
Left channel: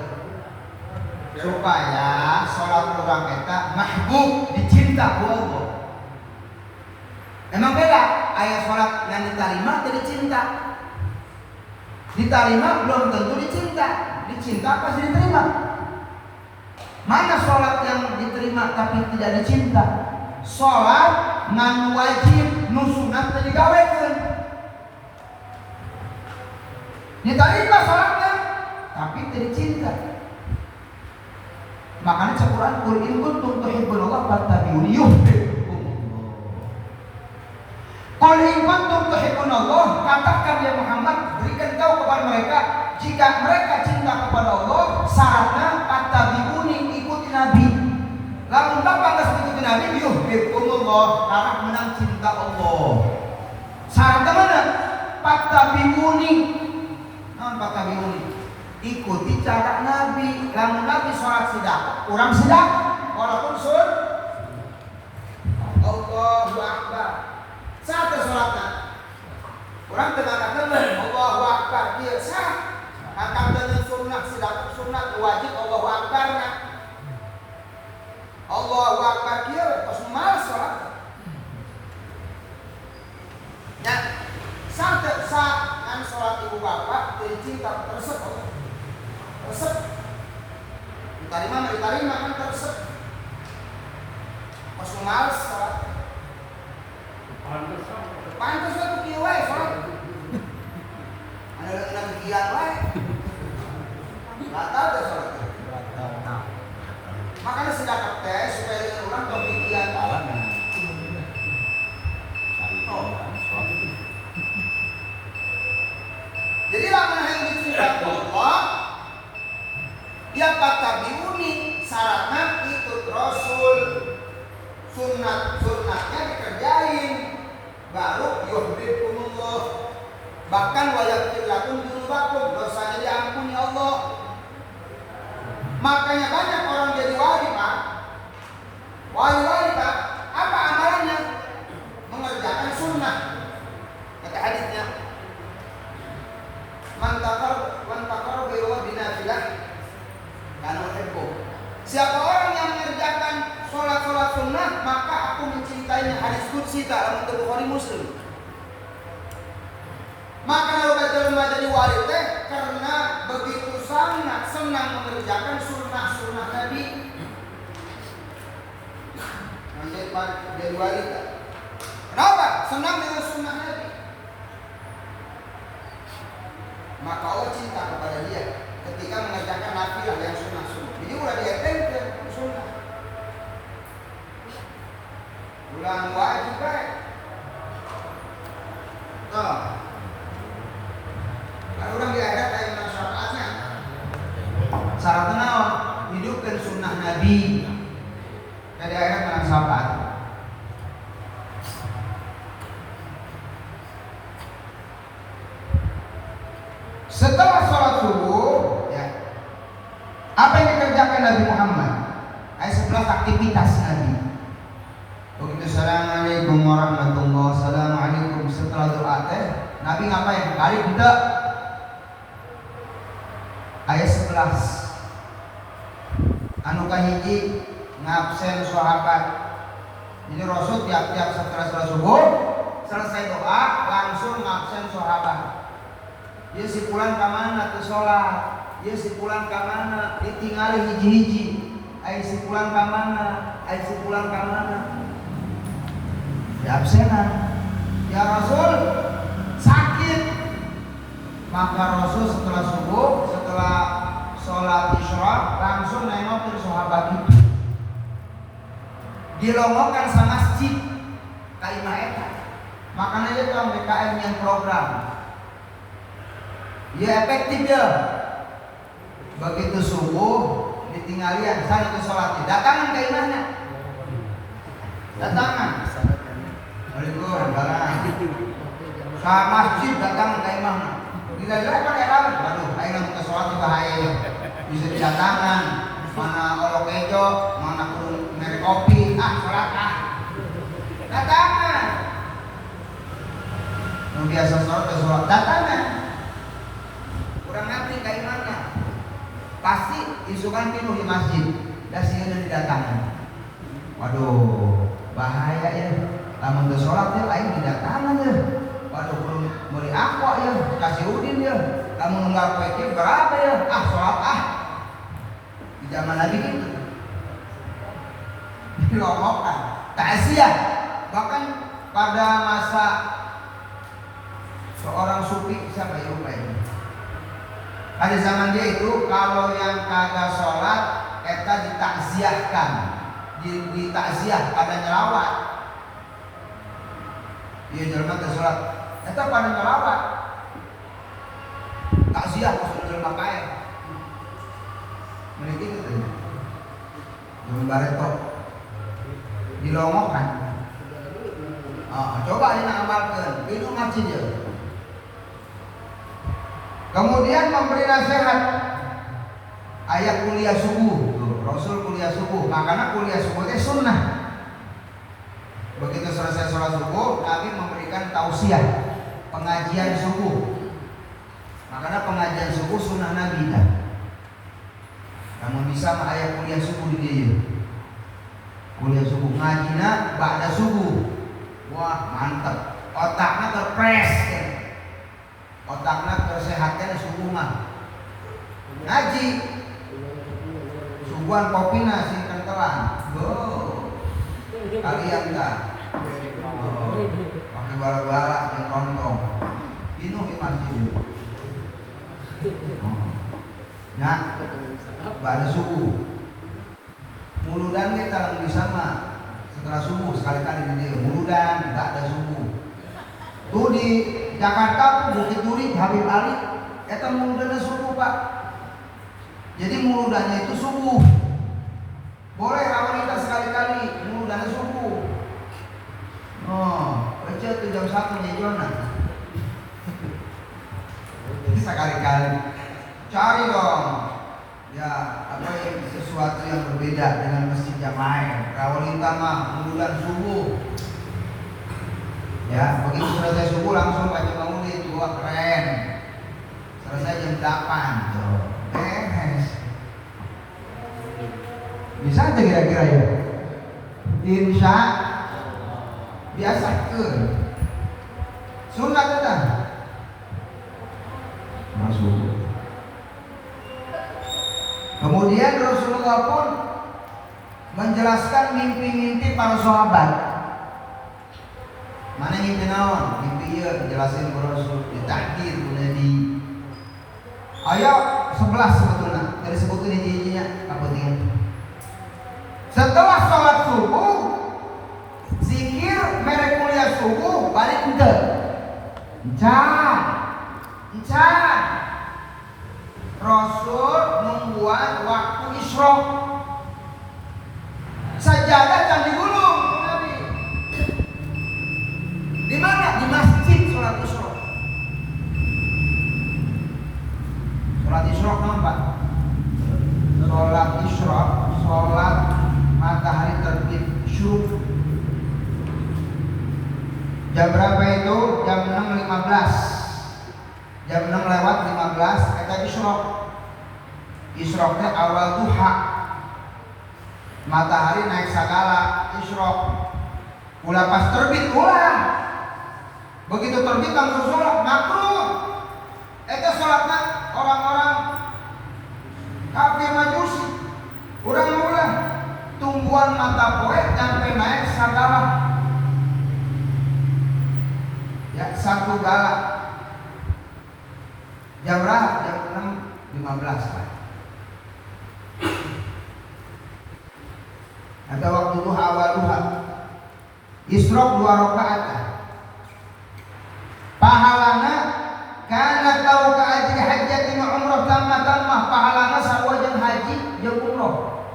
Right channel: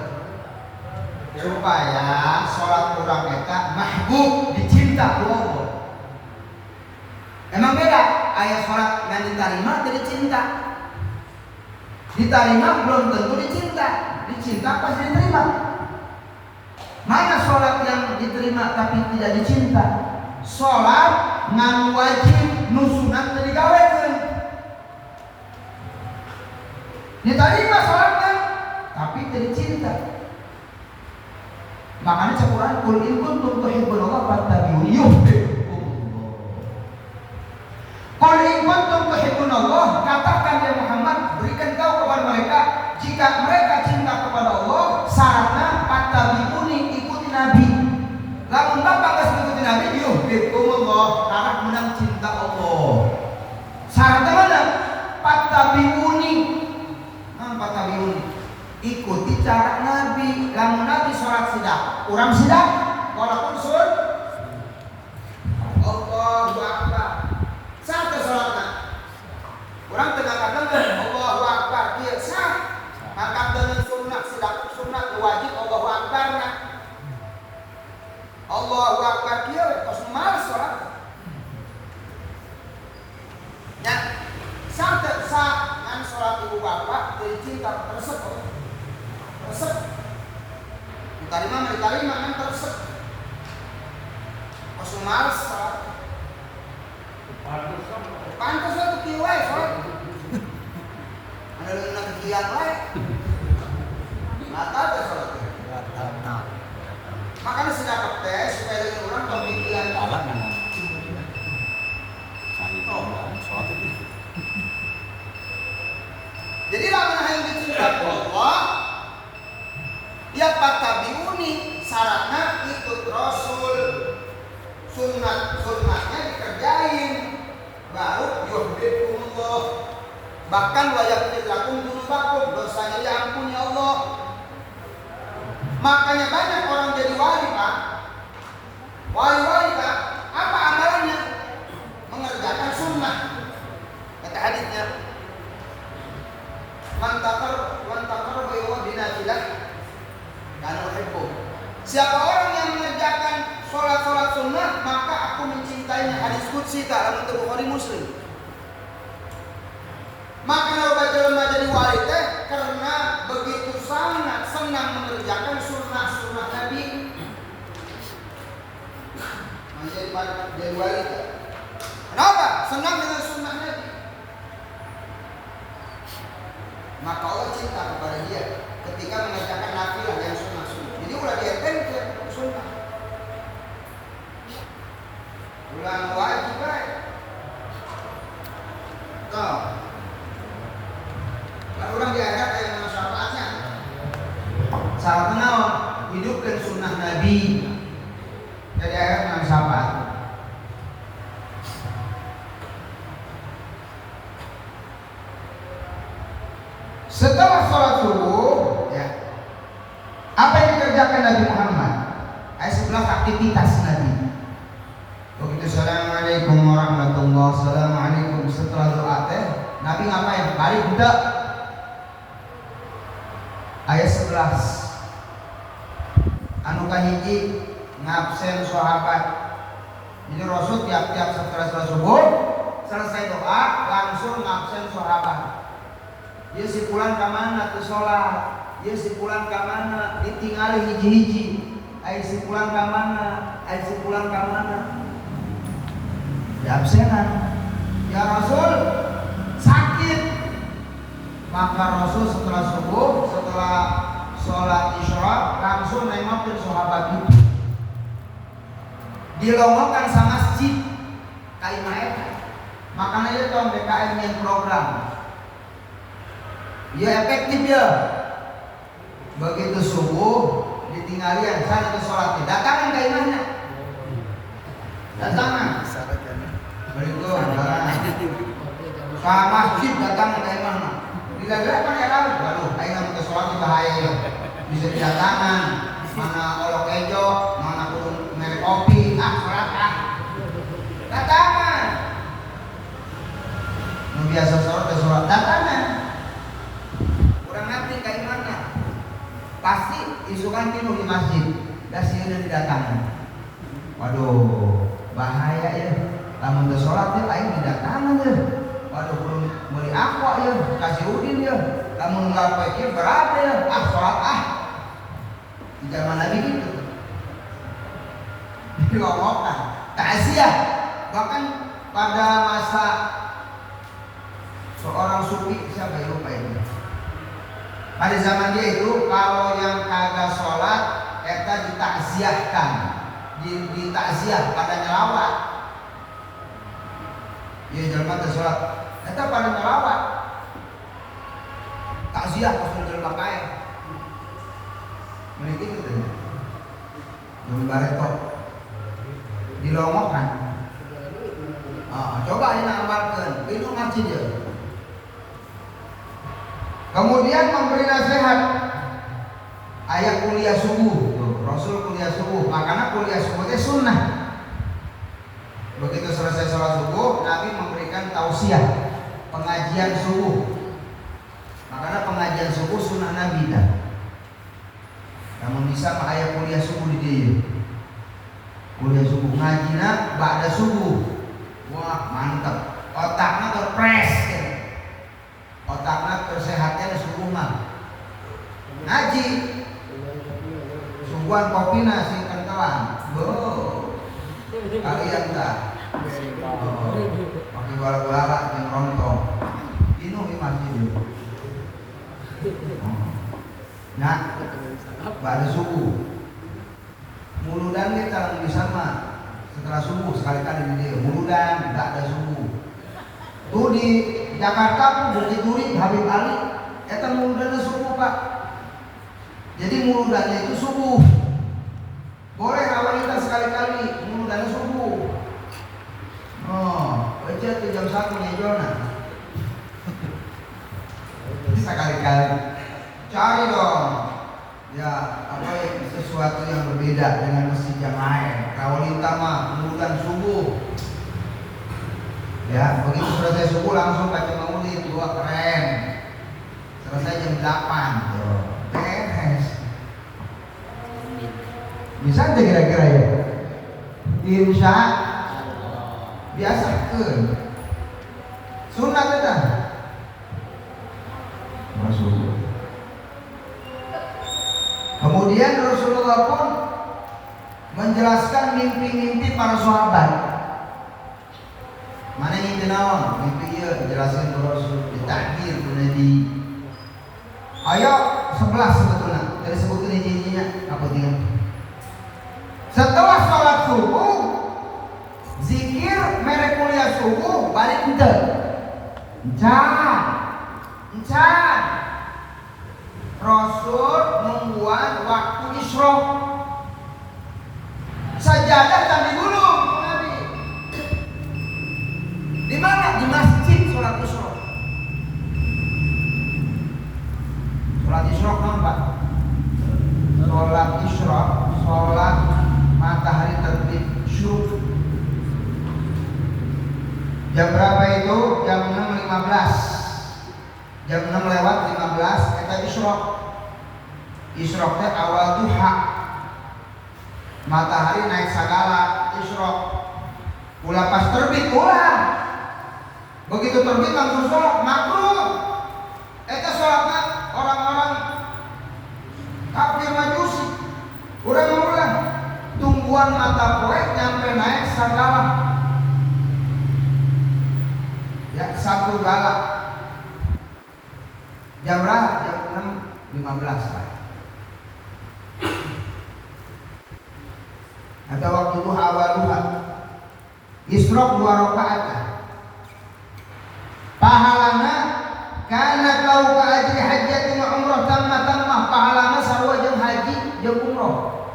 supaya sholat urang eta mahbub dicinta ku Allah. Emang beda aya sholat yang diterima teu dicinta. Diterima belum tentu dicinta. Dicinta pasti diterima. Mana sholat yang diterima tapi tidak dicinta? Sholat nganu wajib nu sunat teu digawekeun. Diterima sholatnya tapi teu dicinta. Makanya Al-Qur'an qul in kuntum tuhibbunallah fattabi'uni yuhibbukumullah. Qul in kuntum tuhibbunallah, katakan ya Muhammad, berikan tahu kepada mereka jika mereka cinta kepada Allah, syaratnya fattabi'uni, ikuti Nabi. Lamun bapak geus ngikuti Nabi, yuhibbukumullah, karena menang cinta Allah. Syaratnya mana? Fattabi'uni. Nah, fattabi'uni. Ikuti cara Nabi. Lamun Nabi sholat sidak, urang sidak, walaupun sun Allahu Akbar. Satu sholatna urang teu ngangkat Allahu Akbar kieu sah. Angkat dengan sunnah sidak sunnah wajib Allahu Akbarna. Allahu Akbar kieu kos males sholat. Ya, sampai saat kan sholat ibu bapak dari cinta tersebut Allah. Resep diterima kan teresep pas males sholat pantas lah tuh kieu wae sholat ada leungeun kegiatan wae batal teh sholat makanya sedekah teh supaya leungeun urang tong kegiatan jadi lamun hayang dicinta Allah ya fattabi'uni, syaratnya ikut Rasul, sunnatnya dikerjain, baru yuhibbukumullah. Bahkan wa yaghfir lakum dzunubakum, dosanya diampuni Allah. Makanya banyak orang jadi wali Pak. Wali-wali Pak, apa amalannya? Mengerjakan sunnah. Kata hadisnya, man taqarraba ila Allah binafilah karena uhibbu. Siapa orang yang mengerjakan sholat sunnah maka aku mencintainya. Hadis qudsi dalam Bukhari Muslim. Maka kalau baca jadi wali teh karena begitu sangat senang mengerjakan sunnah Nabi. Jadi wali teh. Kenapa? Senang dengan sunnah Nabi. Maka Allah cinta kepada dia ketika mengerjakan nafilah yang sunnah. Jadi ulah dietengkeun sunnah. Ulah wajib bae. Tuh. Lalu orang di akhirat aya mana syafaatnya? Syaratna naon? Hidupkeun sunnah Nabi. Dari akhirat mana syafaat? Setelah sholat subuh, ya, apa yang dikerjakan Nabi Muhammad? Ayat 11 aktivitas Nabi. Begitu assalamualaikum warahmatullahi wabarakatuh, assalamualaikum, setelah doa teh Nabi ngapain? Balik budak. Ayat 11 anu kahiji ngabsen sahabat. Jadi Rasul tiap-tiap setelah sholat subuh selesai doa langsung ngabsen sahabat. Dia si pulang ke mana ke sholat, dia si pulang ke mana ditinggali hiji-hiji, ai si pulang ke mana, ai si pulang ke mana. Ya absenan. Ya Rasul sakit. Maka Rasul setelah subuh, setelah sholat isya langsung nengokin sahabat itu. Dilongokkan sama masjid kaimah eta. Makanya itu MBKM yang program. Ya efektif ya. Begitu subuh ditinggalian sana ke sholat, datangan kaimahnya. Datangan. Itu barang. Sama masjid datangan kaimahnya. Bila-bila pakai lalu, ayo ke sholat kita haye. Bisa didatangan. Mana olok kejo, mana pun merek kopi, sholat datangan. Biasa sholat ke sholat datangan. Kurang nanti kayak mana? Pasti isukan penuh di masjid. Dasirnya didatangan. Waduh, bahaya ya. Lamun udah sholat ya, lain didatangan ya. Waduh, mau diakwa ya, kasih udin ya. Lamun nggak pikir berapa ya? Sholat Di zaman Nabi gitu. Dilongokkan. Takziah. Bahkan pada masa seorang sufi, siapa ya lupa ini. Pada zaman dia itu kalau yang kagak sholat eta ditakziahkan, ditakziah pada nyerawat. Iya jangan ke sholat, eta pada nyerawat. Takziah maksudnya jelema bae. Mereka gitu. Ini baret kok dilongokkan. Coba ini amalkan, itu ngaji dia. Kemudian memberi nasihat. Ayat kuliah subuh, Rasul kuliah subuh. Makanya kuliah subuh itu sunnah. Begitu selesai sholat subuh, Nabi memberikan tausiah, pengajian subuh. Makanya pengajian subuh sunnah Nabi dah. Kamu bisa ayat kuliah subuh di dia. Kuliah subuh ngajina ba'da subuh. Wah mantap. Otaknya terpres. Otaknya tersehatkan subuh mah. Ngaji. Subuhan kopi nasi kentelan. Kalian enggak. Pakai bala-bala yang kontong. Ini masjid. Nah, pada subuh. Muludan kita bisa mah setelah subuh sekali-kali dia muludan tidak ada subuh. Tuh di Jakarta Bukit Duri Habib Ali eta muludannya subuh Pak. Jadi muludannya itu subuh. Boleh wanita sekali-kali muludannya subuh. Baca tuh jam 1 nyejona. Sekali-kali cari dong. Ya apa yang sesuatu yang berbeda dengan masjid jamaah. Wanita mah muludan subuh. Ya begitu selesai subuh langsung baca maulid 2 keren. Selesai jam 8. Beres. Bisa deh kira-kira ya. Insya biasa ke sunat kan. Masuk. Kemudian Rasulullah pun menjelaskan mimpi-mimpi para sahabat. Mana mimpi naon? Mimpi ieu dijelasin ke Rasul, ditakdir ku Nabi. Ayo 11 sebetulnya. Dari sebutin hiji-hijinya apa tinggal. Setelah sholat subuh, zikir merek mulia subuh balik ente. Encan. Rasul membuat waktu isyraq. Sajadah kan digulung Nabi. Di mana? Di masjid sholat isyraq. Jam berapa itu? Jam 6.15. Jam 6 lewat 15 kita isyrok. Isyroknya awal duha. Matahari naik sagala isyrok. Ulah pas terbit ulah. Begitu terbit langsung sholat makruh. Eta sholatnya orang-orang kafir majusi. Orang-orang tumbuhan mata poe sampai naik sagala. Ya satu gala. Jam berapa? Jam 6.15. Ada waktu duha awal duha. Isyrok 2 rakaat. Pahalana kana kau ka ajri hajjatin umrah tamma pahalana sawa jeung haji jeung umrah.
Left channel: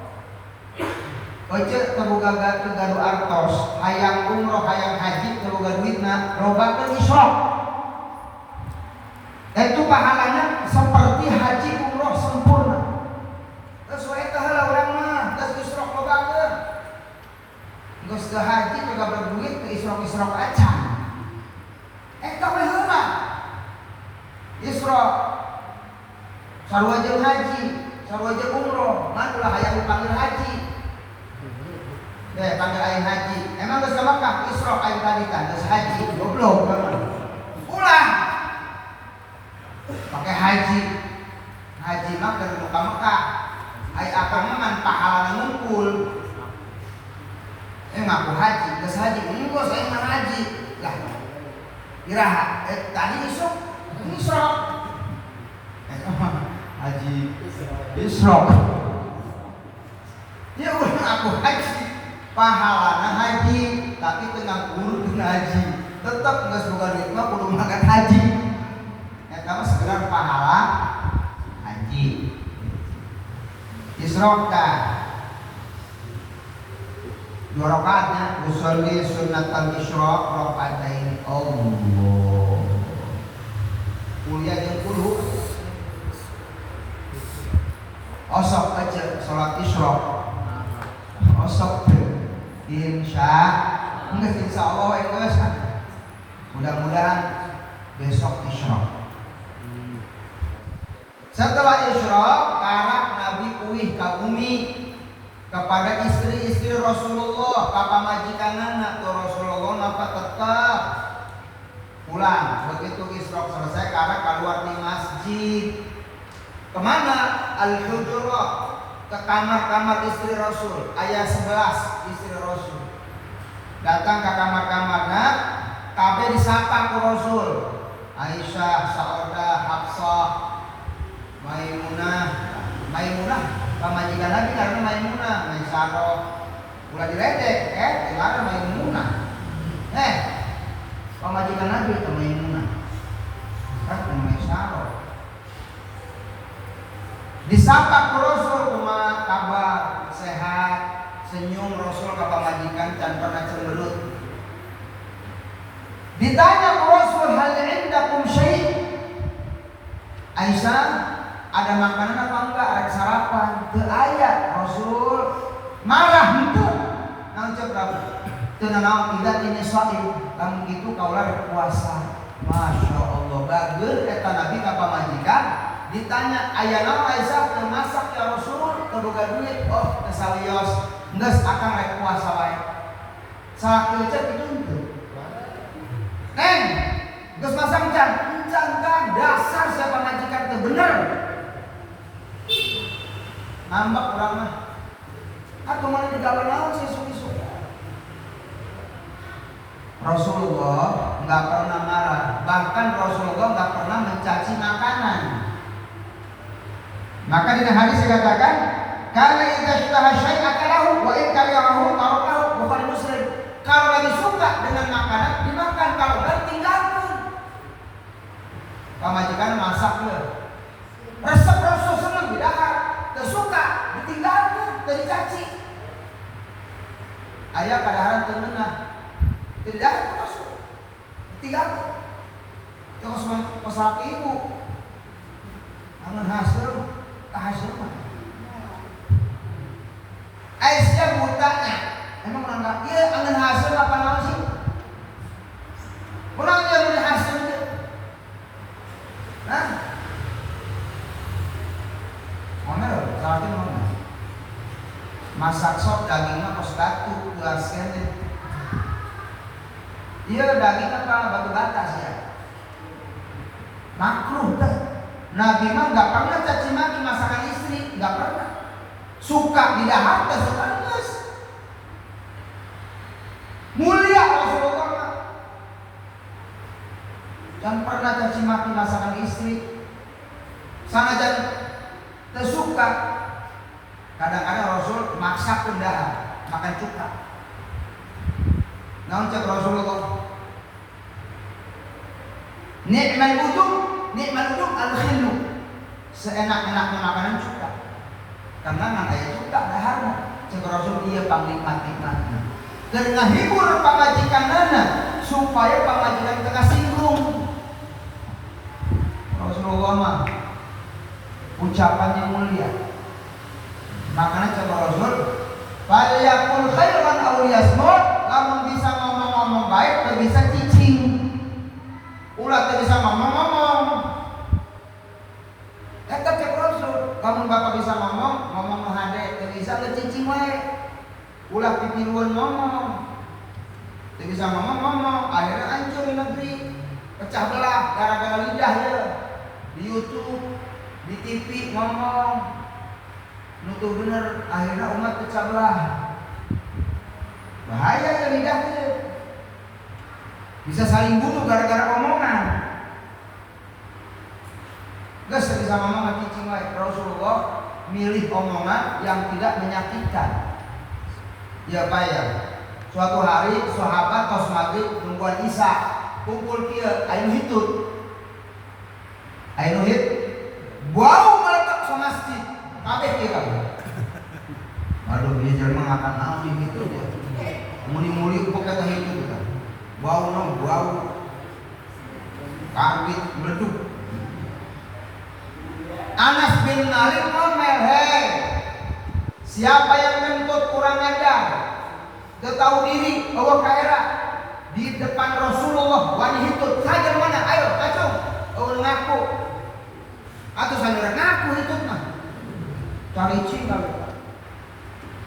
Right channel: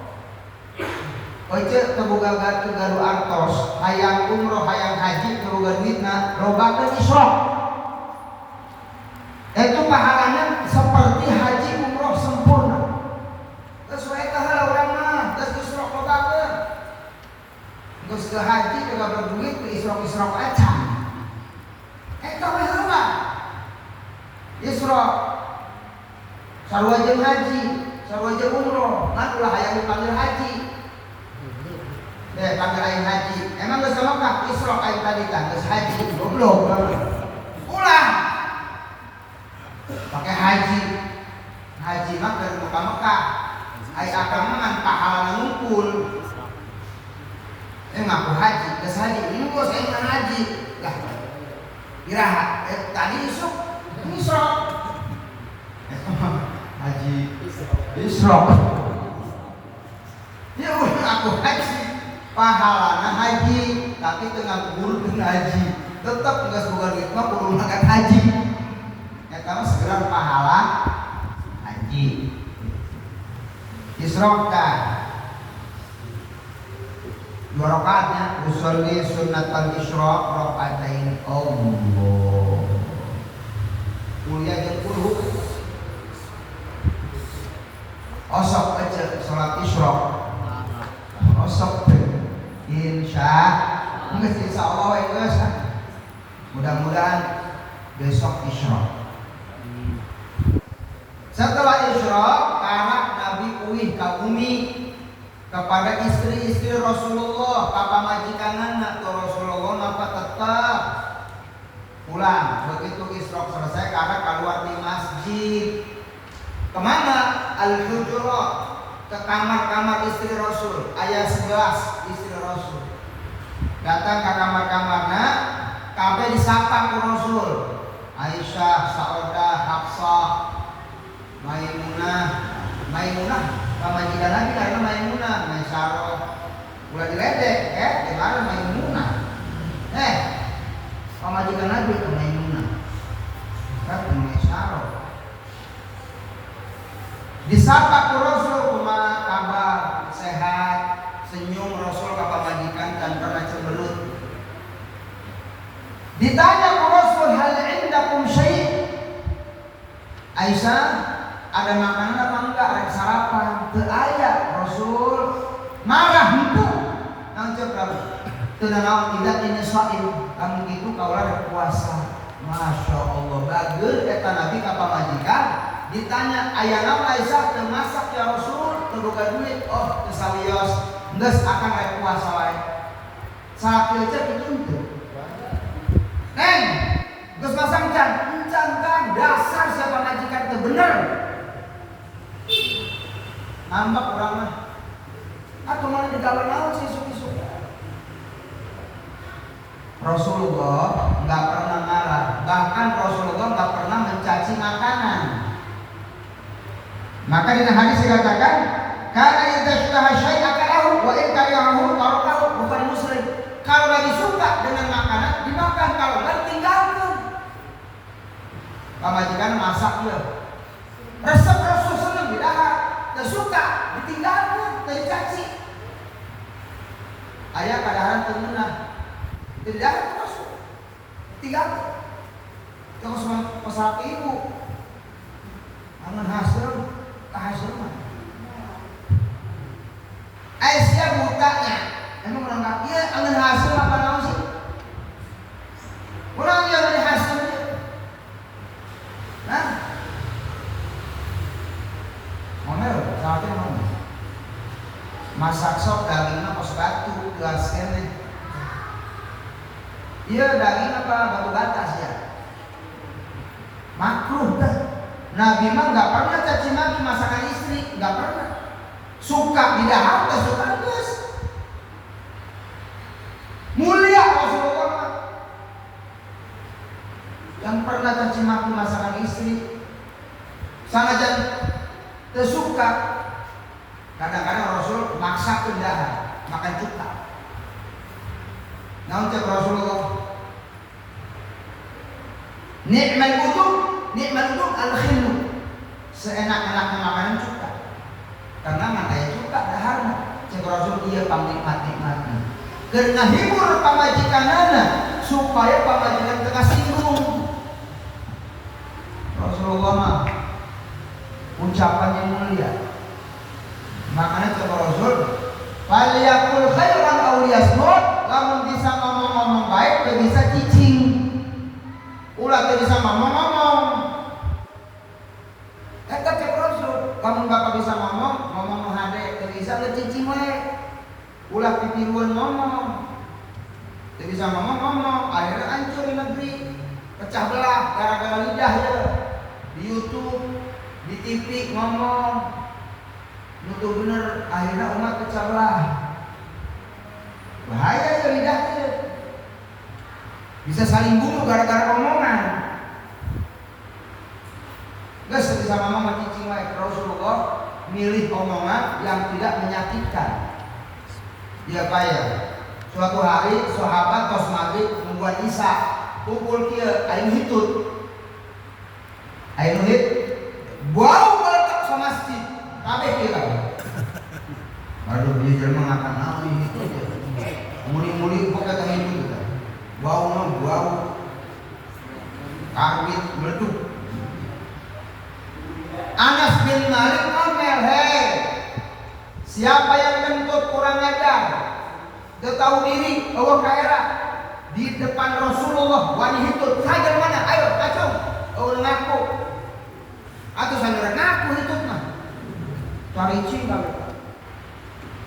Oce kaboga garu artos hayang umrah hayang haji kaboga duitna lobakeun isyrok. Itu pahalanya seperti haji umrah sempurna. Geus wae tah urang mah geus isyrok lobakeun. Geus ke haji juga berduit ke isyrok-isyrok aja. Eta mah heula. Isyrok sarua jeung haji, sarua jeung umrah, mah ulah hayang dipanggil haji. Panggil aing haji. Emang geus Mekah isyrok aing tadi kan geus haji goblok. Ulah. Pakai haji. Haji mah dari muka Mekah. Ai akaman pahala ngumpul. Ngaku haji, geus haji ini bos aing mah haji. Lah. Iraha tadi isyrok. Haji isyrok. Ya udah aku haji. Pahalana haji, tapi tengah guru dengan haji. Tetap geus boga duit mah kudu mangkat haji. Eta mah segera pahala haji. Isyrok dah. 2 rakaatnya usolli sunnatul isyrok rakaatain Allah. Mulia yang kudu osok aja salat isyrok. Osok insya Allah guys. Mudah-mudahan besok isyrok. Setelah isyrok anak Nabi uih ka umi kepada istri-istri Rasulullah, papa majikanana tuh Rasulullah napa tetap pulang. Begitu isyrok selesai karena keluar di masjid. Kemana? Al-Hujurat, ke kamar-kamar istri Rasul. Ayat 11 istri Rasul datang ke kamar-kamarnya, kabeh disapa ku Rasul. Aisyah, Saudah, Hafsah, Maimunah, pamajikan Nabi karena Maimunah, Maisarah. Ulah diledek, dilarang Maimunah. Pamajikan Nabi ke Maimunah. Kan Maisarah. Disapa ku Rasul, rumah kabar sehat, senyum Rasul ke pamajikan dan pernah cemberut. Ditanya ku Rasul, hal indakum syai'? Aisyah, ada makanan apa enggak? Ada sarapan? Teu aya. Rasul marah henteu. Naon cek kamu? Teu naon tidak ini shaim. Kamu kitu kaulah puasa. Masya Allah, bageun eta Nabi ka pamajikan. Ditanya, aya naon Aisyah teu masak ya Rasul? Teu boga duit. Oh, teu salios. Geus akang rek puasa wae. Sakieu cek itu henteu. Neng, geus masak encan kan dasar saya pamajikan teu bener. Nambah orang mah. Aku mau digawe naon sih suki-suki. Rasulullah enggak pernah marah, bahkan Rasulullah enggak pernah mencaci makanan. Maka di hadis dikatakan, "Kana idza sytaha syai'an akalahu wa in karihahu tarakahu," bukan muslim. Kalau lagi suka dengan makanan dimakan, kalau enggak tinggalkan. Pamajikan masak ya. Resep Rasul senang didahar, dan suka ditinggalkan, dari caci. Ayah kadang tengenah, tidak Rasul, tinggalkan. Yang semua masalah ibu, angan hasil, tak hasil mah. Aisyah butanya, emang menganggap dia angan hasil apa sih? dan pernah caci maki masakan istri, sanajan tersuka. Kadang-kadang Rasul maksa kendaraan makan cuka. Nah untuk Rasulullah, nikmal wudu al-khillu, seenak-enaknya makanan cuka. Karena makanya cuka daharna. Cek Rasul dia pamnikmat-nikmatnya. Karena hibur pamajikanana supaya pamajikan kena singgung. Rasulullah mah ucapannya mulia. Makanya coba Rasul, faliyakul khairan aw liyasmut, lamun bisa ngomong-ngomong baik, teu bisa cicing. Ulah teu bisa ngomong-ngomong. Eta ke Rasul, lamun bapak bisa ngomong hade, teu bisa le cicing wae. Ulah pikiruan ngomong. Teu bisa ngomong, akhirnya hancur negeri. Pecah belah gara-gara lidah ya. Di YouTube, di TV ngomong. Nutuh bener, akhirnya umat pecah belah. Bahaya ya lidahnya. Bisa saling bunuh gara-gara omongan. Gas bisa ngomong cicing wae. Rasulullah milih omongan yang tidak menyakitkan. Dia kaya. Suatu hari sahabat tos maghrib nungguan Isya, kumpul kieu aing hitut. Aing hit bau melekat ke masjid. Kabeh kita. Aduh dia jelema makan naon ini teh. Muli-muli kok kata itu. Bau kawit meleduk. Anas bin Malik ngomel, "Hei, siapa yang menuntut kurang ajar? Dia tahu diri bahwa kaera di depan Rasulullah wani hitut. Saya mana? Ayo, kacau. Oh ngaku. Atau saya ngaku hitut mah. Cari cinta.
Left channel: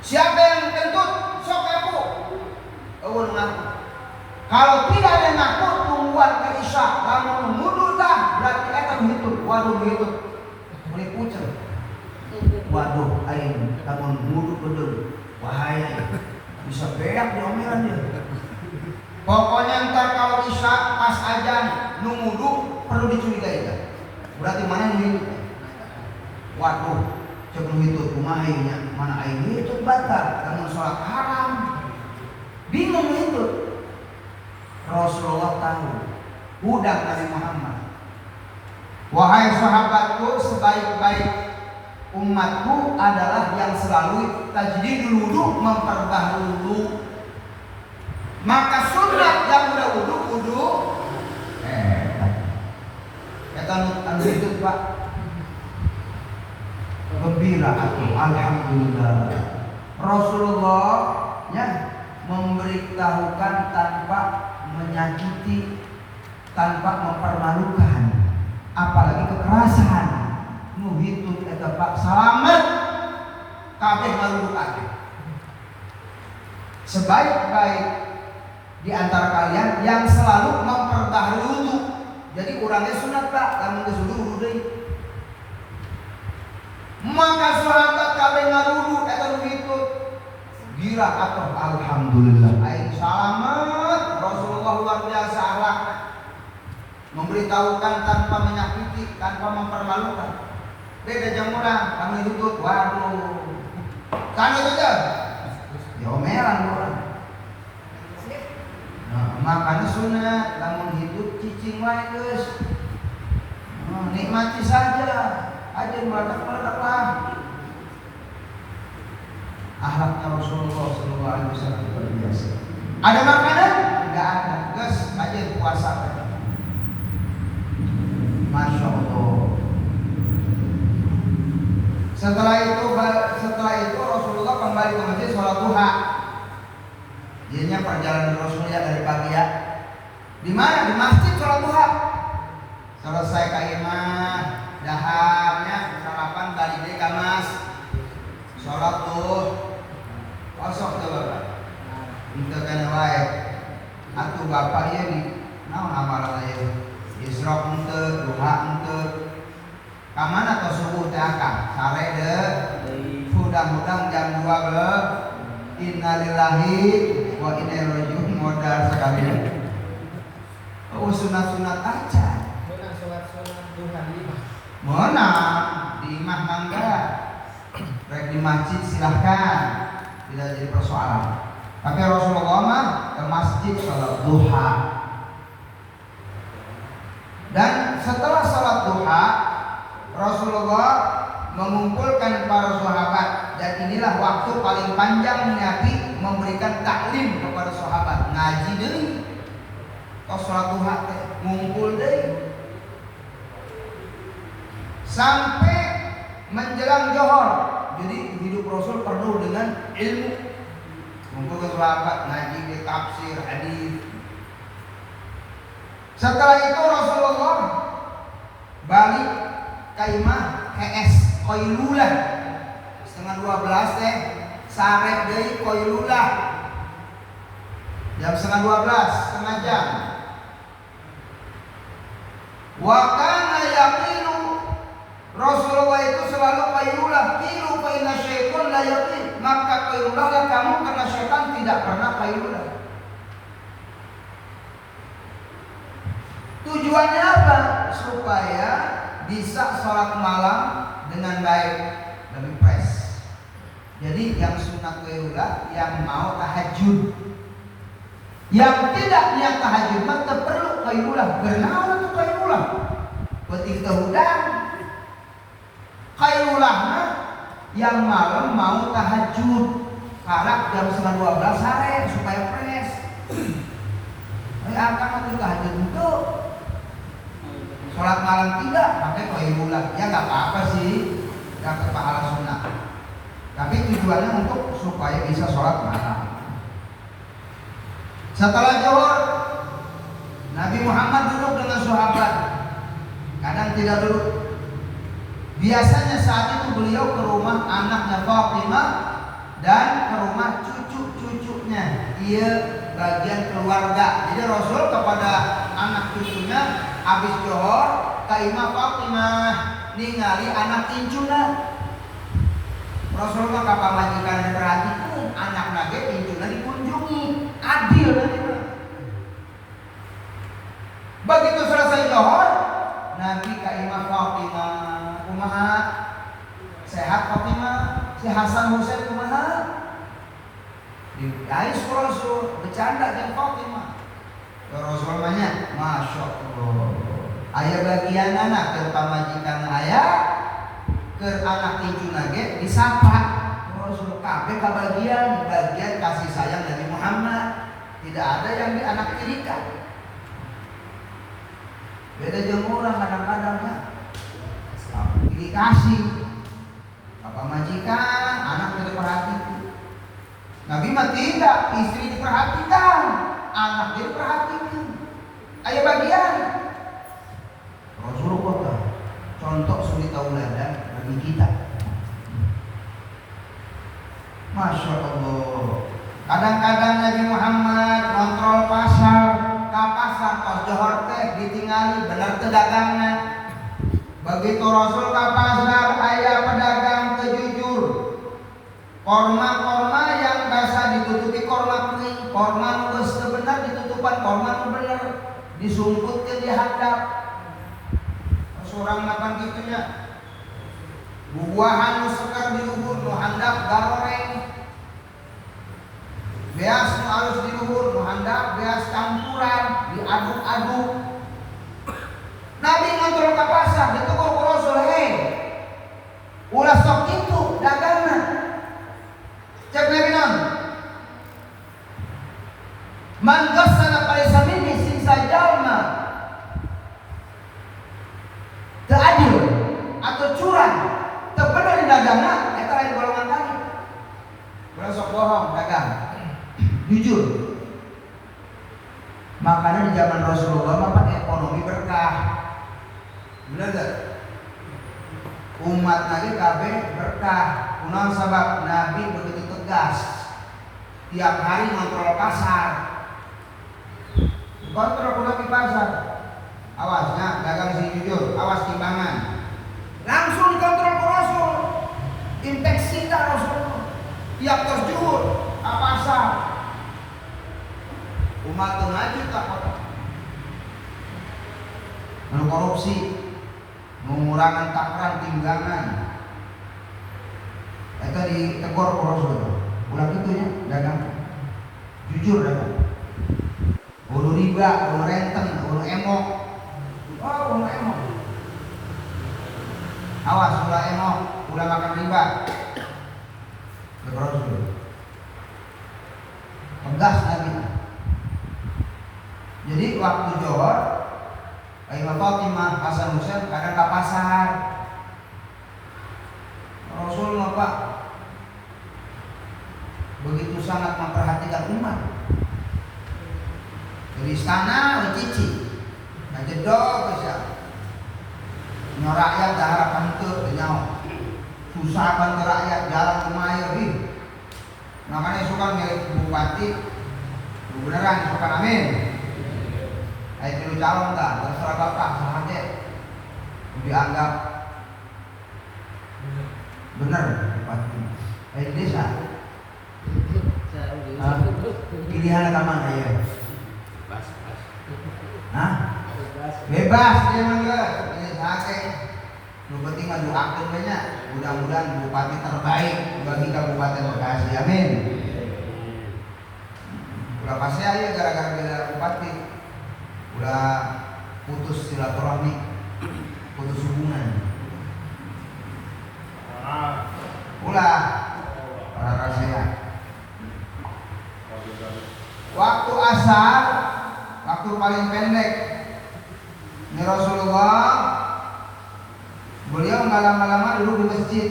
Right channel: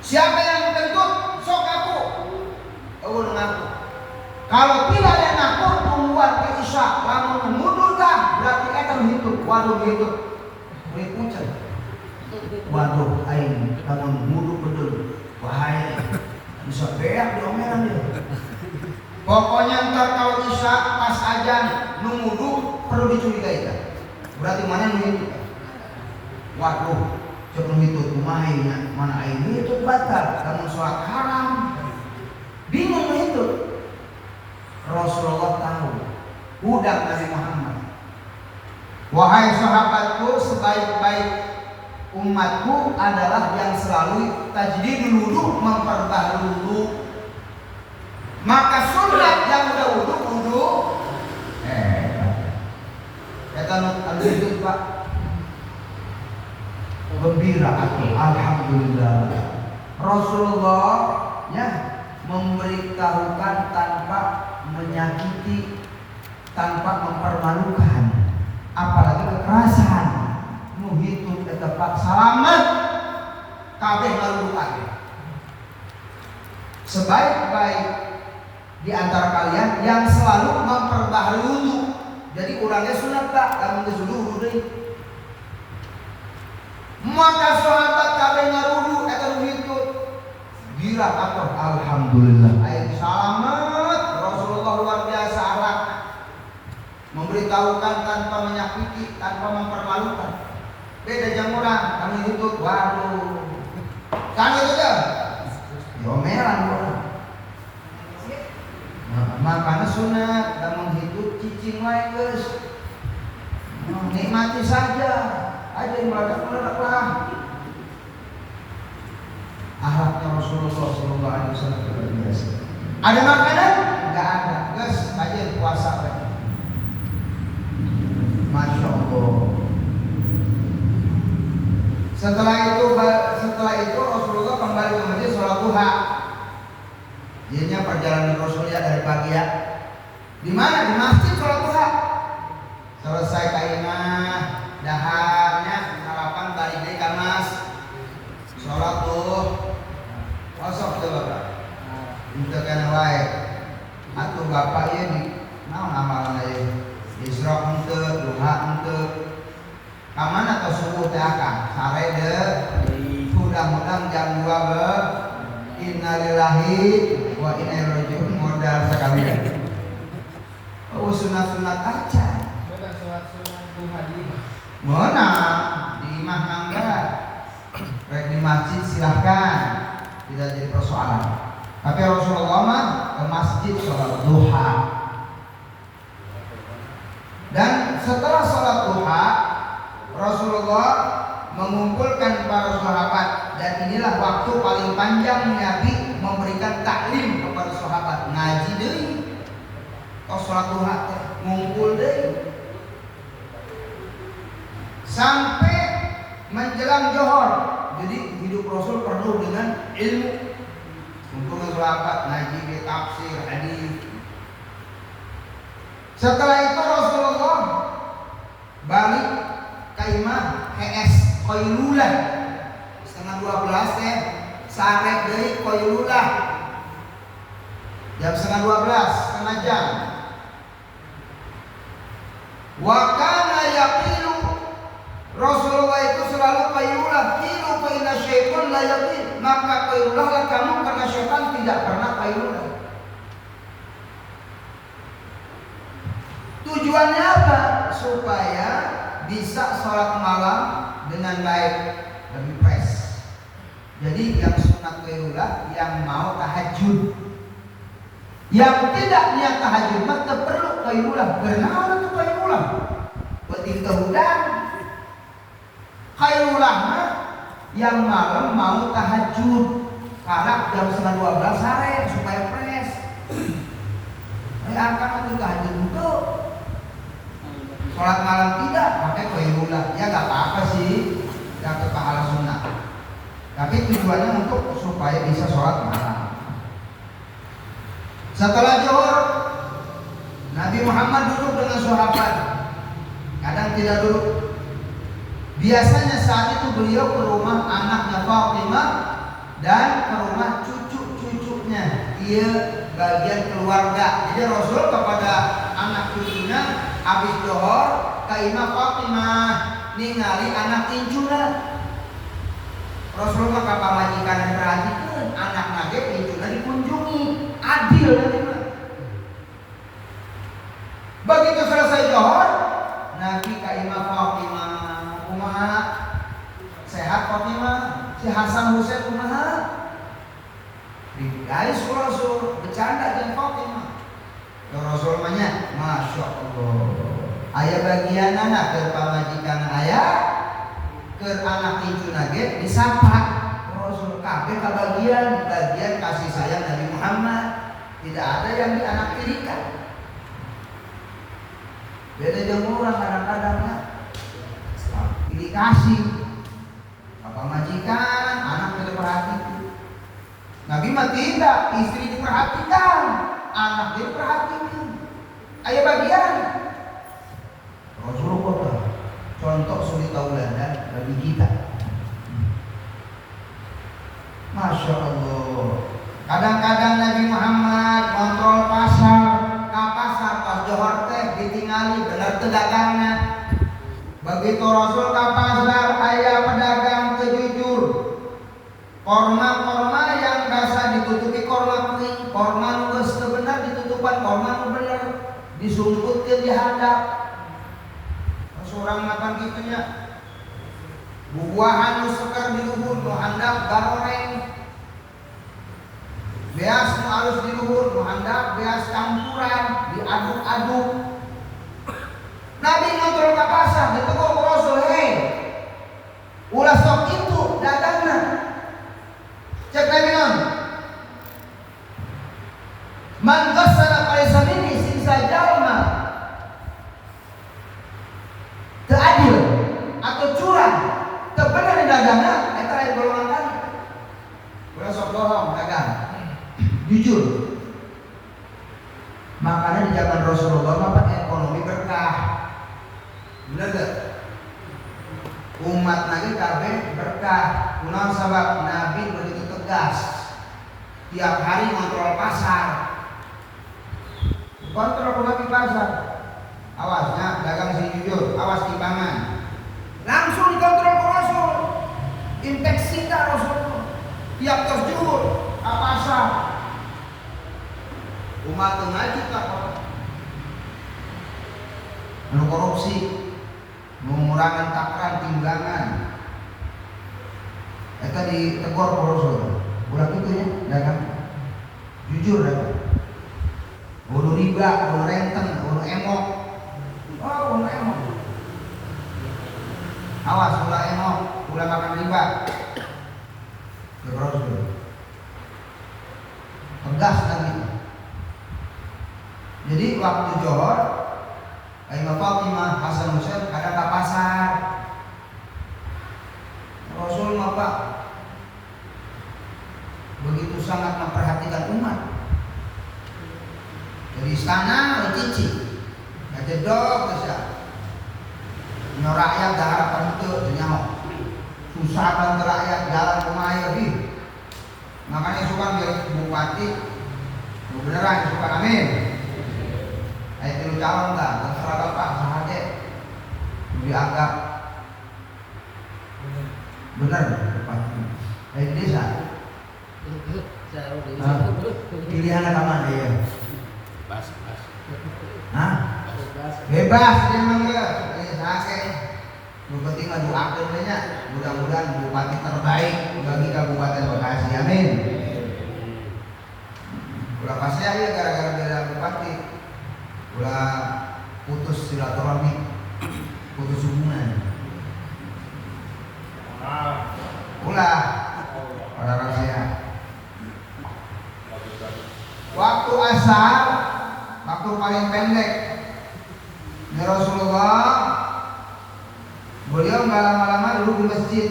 Siapa yang kentut? Sok aku. Oh ngaku. Kalau tidak ada ngaku, tungguan ke Isya. Kamu mengundurkan, berarti akan hitut. Waduh hitut. Berikutan. Waduh, aing kamu mengundur betul. Bahaya. Bisa berak diomelan dia. Pokoknya ntar kalau Isya pas ajan nunggu perlu dicurigai. Berarti mana nih? Waduh. Cuma itu kumahainya mana ini itu batal karena sholat haram. Bingung itu. Rasulullah tahu. Udah Nabi Muhammad. Wahai sahabatku, sebaik-baik umatku adalah yang selalu tajdidul wudu, memperbaharui wudu. Maka sunat yang udah wudu. Kata itu Pak. Gembira hati, alhamdulillah. Rasulullah ya memberitahukan tanpa menyakiti, tanpa mempermalukan, apalagi kekerasan. Muhitu tetap selamat, kabeh lalu kabeh. Sebaik-baik di antara kalian yang selalu memperbaharui wudu. Jadi kurangnya sunat tak, lamun geus wudu deui. Maka sahabat kabeh ngarudu eta begitu. Gila apa? Alhamdulillah. Aing selamat. Rasulullah luar biasa akhlak. Memberitahukan tanpa menyakiti, tanpa mempermalukan. Beda jeung urang, kami hidup waduh. Kami itu diomelan urang. Makanya sunat kamu hidup cicing wae geus. Nikmati saja. Aja meledak-meledak lah. Akhlaknya Rasulullah SAW luar biasa. Ada makanan? Enggak ada. Gas aja puasa. Masya Allah. Setelah itu Rasulullah kembali ke masjid sholat duha. Jadinya perjalanan Rasulullah dari pagi ya. Di mana? Di masjid sholat duha. Selesai kaimah, daharnya sarapan balik deh kamas. Sholat tuh. Kosong itu bapak. Untuk kena baik. Atuh bapak ini, naon amalan aja. Isra untuk, duha untuk. Kaman atau subuh teh akang? Sare deh. Mudah-mudahan jam 2 ke. Innalillahi wa inna ilaihi raji'un modal sekali. Oh sunat-sunat aja. Mana di imah mangga, di masjid silahkan, tidak jadi persoalan. Tapi Rasulullah mah ke masjid sholat duha. Dan setelah sholat duha, Rasulullah mengumpulkan para sahabat, dan inilah waktu paling panjang Nabi memberikan taklim kepada sahabat. Ngaji deui, tos sholat duha ngumpul deui. Sampai menjelang johor. Jadi hidup Rasul penuh dengan ilmu. Untuk sahabat ngaji tafsir hadis. Setelah itu Rasulullah balik ke imah HS Qailulah setengah 12 sarek deui Qailulah jam setengah 12 setengah jam. Wa kana yaqilu, Rasulullah itu selalu Qailulah, qilu fa inna syaitan la yaqil, maka Qailulah kamu karena syaitan tidak pernah Qailulah. Tujuannya apa? Supaya bisa sholat malam dengan baik, lebih fresh. Jadi yang sunat Qailulah, yang mau tahajud, yang tidak niat tahajud tetap perlu Qailulah. Kenapa itu Qailulah? Ketika udang Qailulah yang malam mau tahajud, karena jam setengah 12 sore supaya fresh. Akan itu tahajud itu sholat malam tidak pakai Qailulah, ya nggak apa-apa sih, dapat pahala sunnah. Tapi tujuannya untuk supaya bisa sholat malam. Setelah zuhur, Nabi Muhammad duduk dengan sahabat. Kadang tidak duduk. Biasanya saat itu beliau ke rumah anaknya Fatimah dan ke rumah cucu-cucunya. Ia bagian keluarga. Jadi Rasul kepada anak cucunya habis zuhur ka imah Fatimah ningali anak incuna. Rasul mah ka pamajikan perhatikan anak nage incuna dikunjungi, adil. Begitu selesai zuhur, Nabi ka imah Fatimah, kumaha? Sehat Fatimah? Si Hasan Husain kumaha? Guys, Rasul bercanda dengan Fatimah. Rasul nanya, Masya Allah, ayah bagian anak ke pamajikan ayah, ke anak tinju nage disapa. Rasul kabeh bagian kasih sayang Nabi Muhammad. Tidak ada yang di anak tirikan. Beda jeung urang kadang-kadangnya pilih kasih bapak majikan, anak diperhatikan. Nabi mah tidak, istri diperhatikan, anak diperhatikan. Ayo bagian. Rasulullah contoh suri tauladan bagi kita. Masya Allah. Kadang-kadang Nabi Muhammad kontrol pasar, ke pasar pas johor teh ditinggali bener teu dagangna. Begitu Rasul ke pasar aya pedagang teu jujur. Korma yang biasa ditutupi korma kuning, korma nu geus teu bener ditutupan korma nu bener, disumputkeun di hadap. Surang makan gitunya. Buahan nu sekar di luhur nu handap garoreng. Beas nu harus di luhur nu handap beas campuran, diaduk-aduk. Nabi ngontrol ka pasar, ditegur ku Rasul, "Hei, ulah sok kitu dagangna." Cek Nabi naon? Man ghassala falaysa minni, sing sajalma teu adil atau curang, teu bener dagangna, eta aya golongan tadi. Ulah sok bohong dagang. Jujur. Makanya di zaman Rasulullah mah ekonomi berkah. Bener gak? Umat Nabi kabeh berkah. Kunaon sabab Nabi begitu tegas. Tiap hari ngontrol pasar. Kontrol lagi pasar. Awasnya dagang si jujur, awas timbangan. Langsung dikontrol Rasul. Infeksi tak Rasul. Tiap terjujur ke pasar. Umat ngaji tak kok. korupsi, mengurangi takran timbangan. Itu ditegur Rasul. Ulah gitu ya, dagang jujur dah. Ulu riba, ulu renteng, ulu emok. Oh, ulu emok. Awas ulah emok, ulah makan riba. Rasul. Tegas Nabi. Jadi waktu Johor, Ayo Fatimah, Hasan Husain ada ke pasar. Rasul apa? Begitu sangat memperhatikan umat. Dari sana cici, jedok bisa. Rakyat darah penentu nyawa. Susah banget rakyat jalan kemana nih. Makanya suka milik bupati, beneran suka amin. Itu calon lah, terserah bapak sahaja. Dianggap benar bupati. Desa. Pilihan ke mana ya? Bebas. Hah? Bebas dia mangga. Ini sakit. Bupati maju akil banyak. Mudah-mudahan bupati terbaik bagi Kabupaten Bekasi. Amin. Ulah kasih aja gara-gara beda bupati. Ulah putus silaturahmi, putus hubungan. Ulah para saya. Waktu asar, waktu paling pendek di Rasulullah, beliau nggak lama-lama dulu di masjid.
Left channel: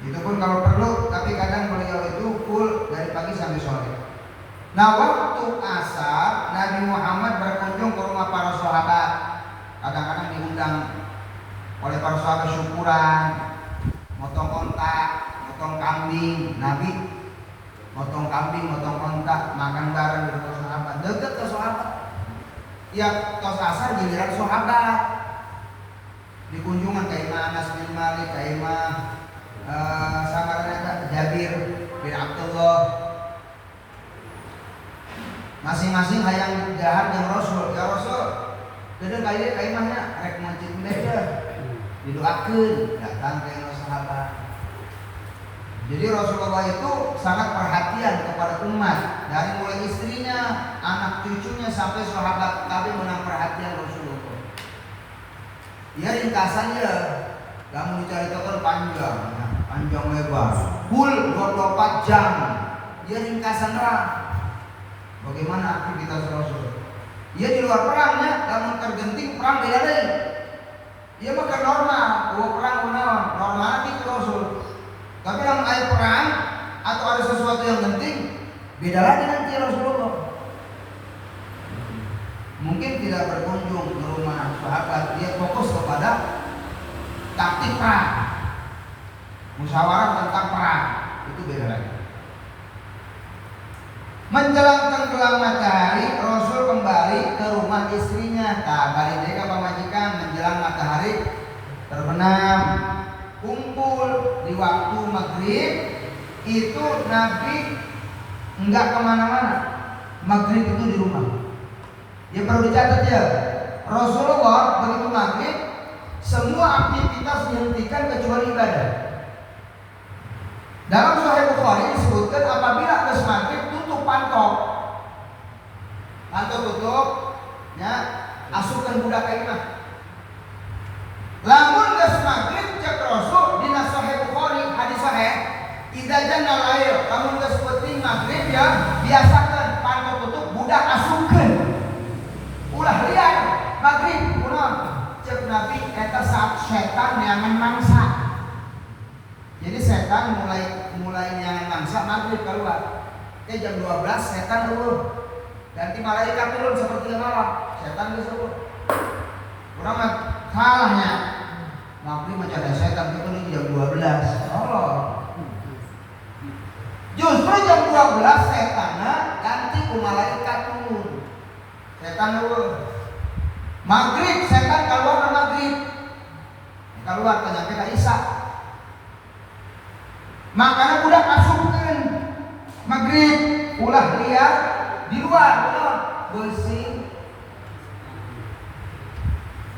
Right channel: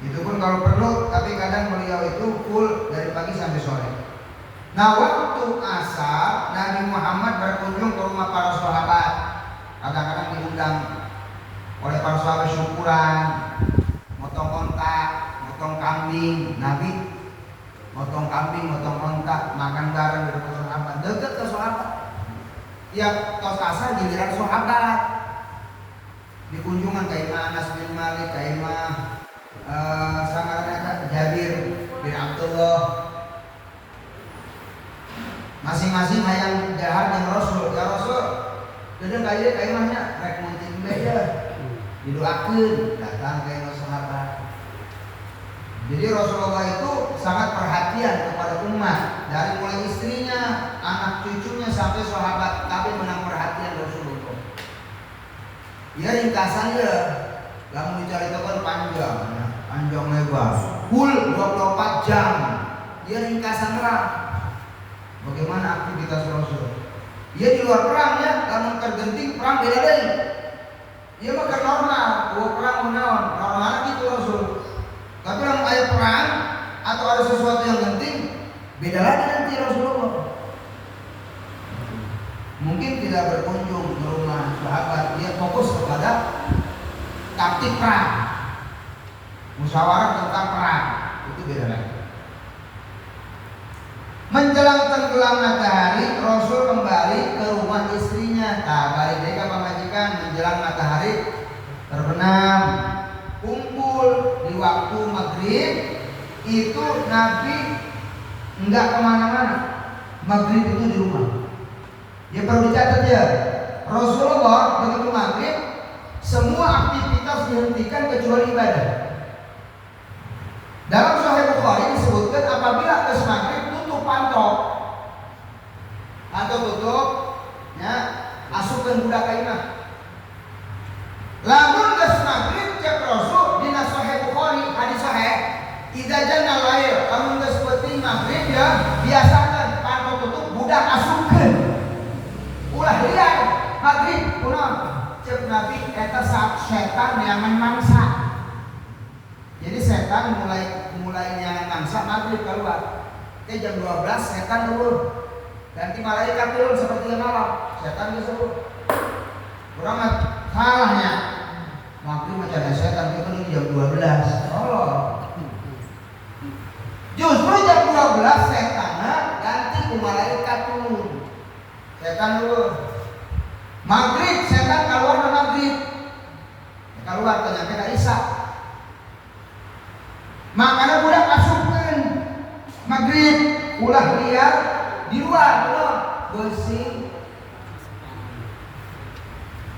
Itu pun kalau perlu, tapi kadang beliau itu full dari pagi sampai sore. Nah, waktu asar Nabi Muhammad berkunjung ke rumah para sahabat. Kadang-kadang diundang oleh para sahabat syukuran, motong ontak, motong kambing. Nabi motong kambing, motong ontak, makan bareng dengan sahabat. Deket ke sahabat. Tiap tos asar giliran sahabat. Di kunjungan kayak Anas bin Malik, kayak sangat Jabir bin Abdullah. Masing-masing hayang jahat yang Rasul, ya Rasul. Jadi kayak mana rek mancing beda. Didoakeun datang ke sahabat. Jadi Rasulullah itu sangat perhatian kepada umat, dari mulai istrinya, anak cucunya sampai sahabat Nabi menang perhatian Rasulullah. Ya ringkasannya, kamu diceritakan panjang lebar, full 24 jam. Ya ringkasan orang. Bagaimana aktivitas Rasul? Ia di luar perangnya, namun tergenting perang beda deh. Ia makan normal, perang menawan, normal gitu Rasul. Tapi dalam ayat perang atau ada sesuatu yang penting, beda lagi nanti Rasulullah. Mungkin tidak berkunjung ke rumah sahabat, dia fokus kepada taktik perang, musyawarah tentang perang, itu beda lagi. Menjelang tenggelam matahari, Rasul kembali ke rumah istrinya. Balik deka pemajikan menjelang matahari terbenam. Kumpul di waktu maghrib itu Nabi enggak kemana-mana. Maghrib itu di rumah. Ya perlu dicatat ya. Rasulullah begitu maghrib semua aktivitas dihentikan kecuali ibadah. Dalam Sahih Bukhari disebutkan apabila ada maghrib atau tutup ya asupkan budak kainah. Lamun geus maghrib cek Rasul dina Sahih Bukhari hadis sahih idza janal lail kamu geus penting maghrib ya biasakan pantau tutup budak asupkeun. Ulah lihat maghrib kunaon cek Nabi eta saat setan nyangan mangsa. Jadi setan mulai nyangan mangsa maghrib keluar. Jam 12 setan dulu. Nanti malaikat turun seperti malam. Setan disebut.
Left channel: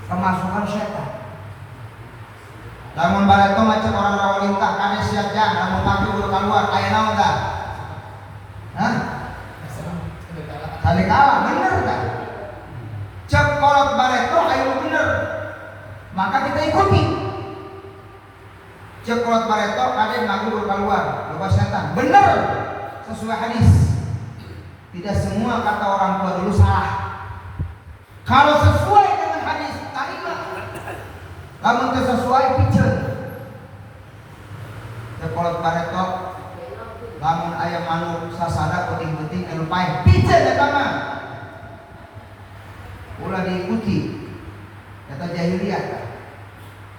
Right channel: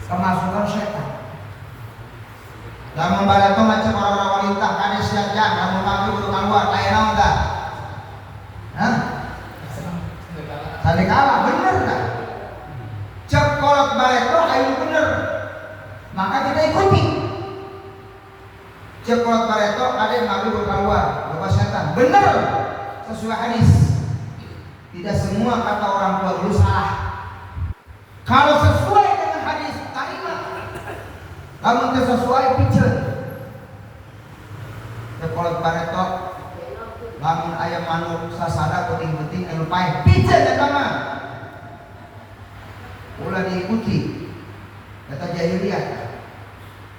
kemasukan setan. Lamun barato macam orang-orang wanita kade siap jam lamun pagi udah keluar aya naon tah? Hah? Salik Allah bener kan? Cek kolot barato aya bener. Maka kita ikuti. Cek kolot barato kade pagi udah keluar loba setan. Bener. Sesuai hadis. Tidak semua kata orang perlu salah. Kalau sesuai dengan hadis, tarilah. Kalau tidak sesuai, pijen. Kalau paretot, lamun ayam manuk sasada penting-penting yang pahit, pijen ya teman. Ulah diikuti. Kata jahiliyah.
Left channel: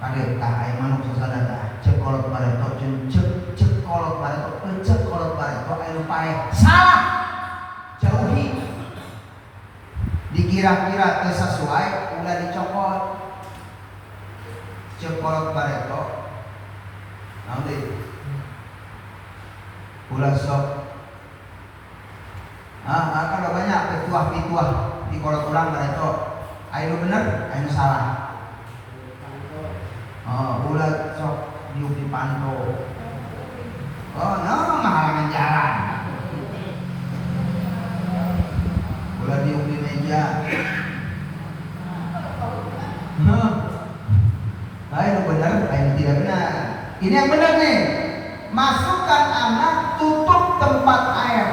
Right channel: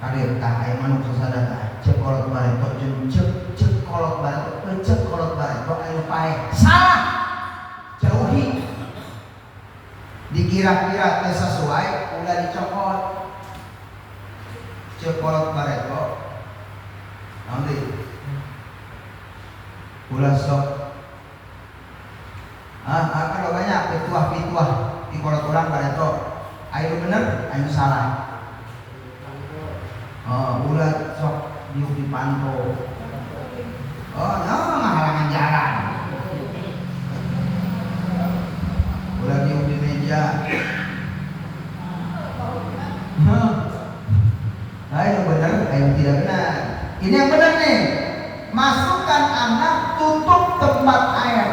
Karir ayam manuk sasada. Cek kolot paretot, cek kolot paretot, cek kolot paretot ayam pahit. Salah. Jauhi. Dikira-kira sesuai udah dicopot cepot bareto nanti ulah sok kalau banyak pituah-pituah di kolot orang bareto ayo bener ayo salah ulah sok di panto menghalangan jalan ulah di meja. Ayo benar, ayo tidak benar. Ini yang benar nih. Masukkan anak, tutup tempat air.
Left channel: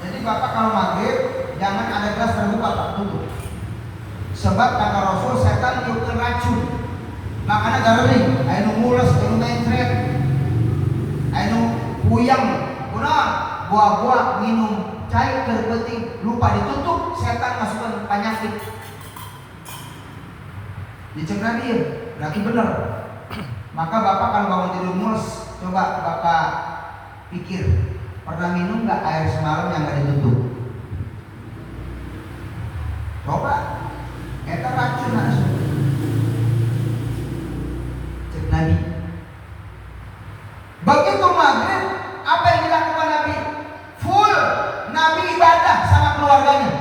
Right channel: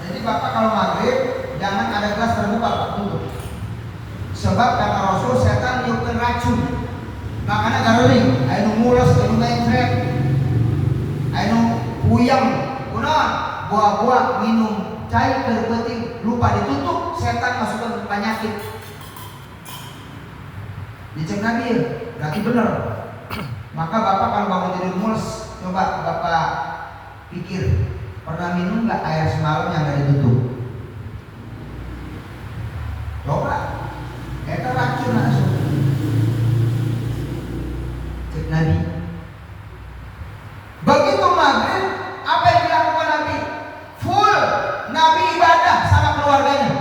Jadi bapak kalau maghrib jangan ada gelas terbuka, Pak, tutup. Sebab kata Rasul setan itu racun. Makanya taruh ayo mulus, ayo mencret, ayo puyang, buah-buah minum cair penting lupa ditutup, setan masukkan penyakit. Dicek Nabi, berarti benar. Maka bapak kalau bangun tidur mulus, coba bapak pikir pernah minum nggak air semalam yang nggak ditutup? Coba, itu racun langsung. Cek Nabi. Begitu maghrib, apa yang dilakukan Nabi? Full Nabi ibadah sama keluarganya.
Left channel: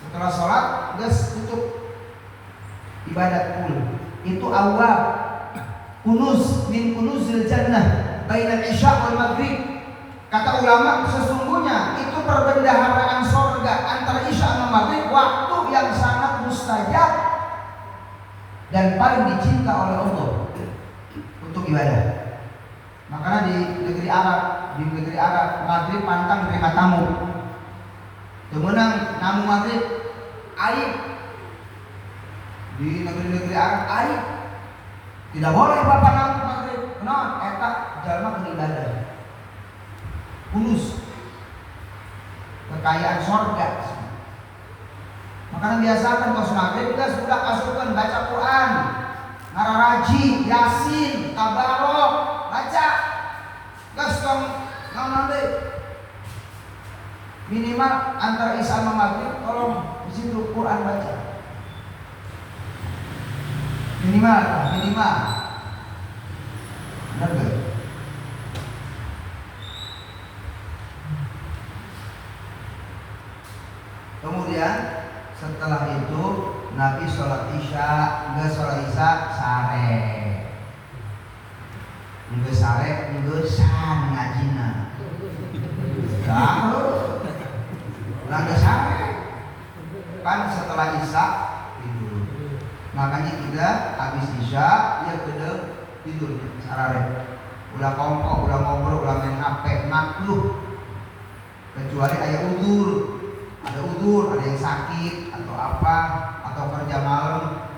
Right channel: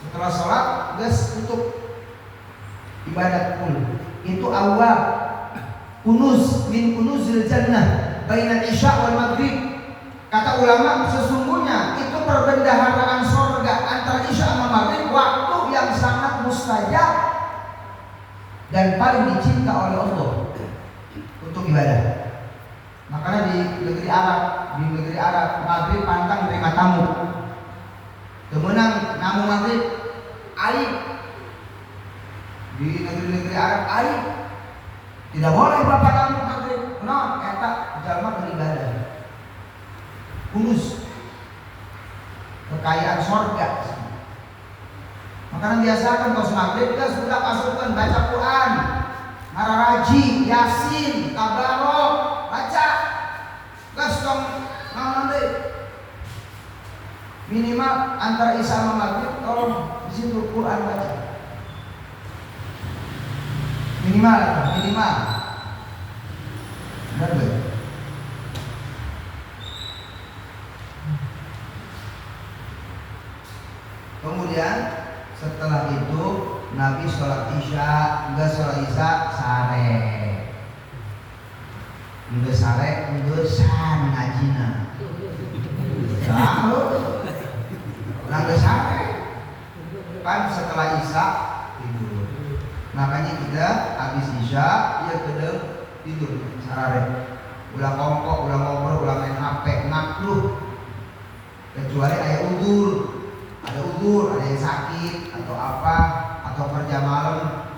Setelah sholat, gas tutup ibadah full. Itu awal kunuz min kunuzil jannah baina isya wal maghrib. Kata ulama sesungguhnya itu perbendaharaan surga antara isya dan maghrib, waktu yang sangat mustajab dan paling dicinta oleh Allah untuk ibadah. Makanya di negeri Arab maghrib pantang menerima tamu. Temenang namu maghrib aib. Di negeri-negeri Arab aib. Tidak boleh bapak namu maghrib. Nah, eta jalma beribadah. Kunus. Kekayaan surga. Makanya biasakan pas maghrib kita sudah pasukan baca Quran, Mararaji, Yasin, Tabarok, baca. Gastong mandi. Minimal antara isya dan maghrib tolong di situ Quran baca. Minimal. Benar gak? Kemudian setelah itu Nabi sholat isya, enggak sholat isya sare. Enggak sare, enggak san ngajina. Tahu? Enggak sare. Kan setelah isya tidur. Makanya kita habis isya ya kedua tidur sarare. Ulah kongkok, ulah ngobrol, ulah main HP, nakluh. Kecuali ada udur, ada yang sakit atau apa, atau kerja malam,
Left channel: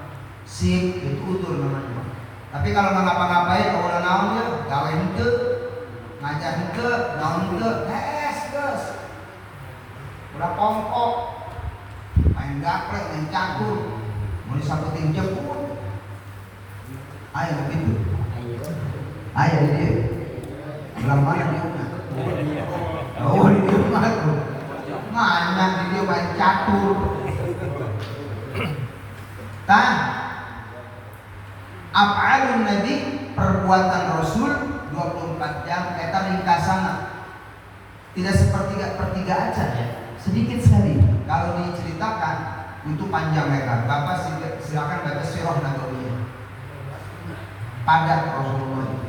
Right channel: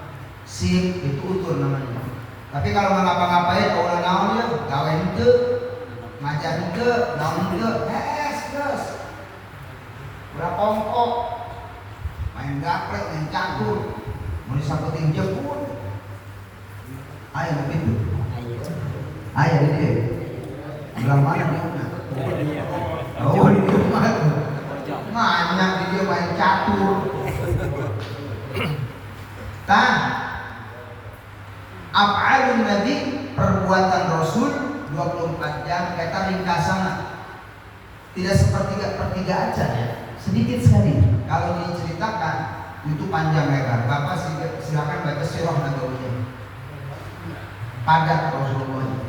sip itu udur namanya. Tapi kalau nggak ngapa-ngapain, kalau naon ya, gawe henteu, ngajar henteu, naon henteu, terus. Ulah kongkok, main gaplek, main catur. Mau sabeting jemput, ayo begitu, ayo dia, bulan mana dia? Oh dia mana video main catur, af'alun Nabi perbuatan Rasul 24 jam kita ringkasan, tidak sepertiga aja ya, sedikit sekali kalau diceritakan. Itu panjang lebar. Bapak silakan baca sirah nabawiyah. Padat Rasulullah.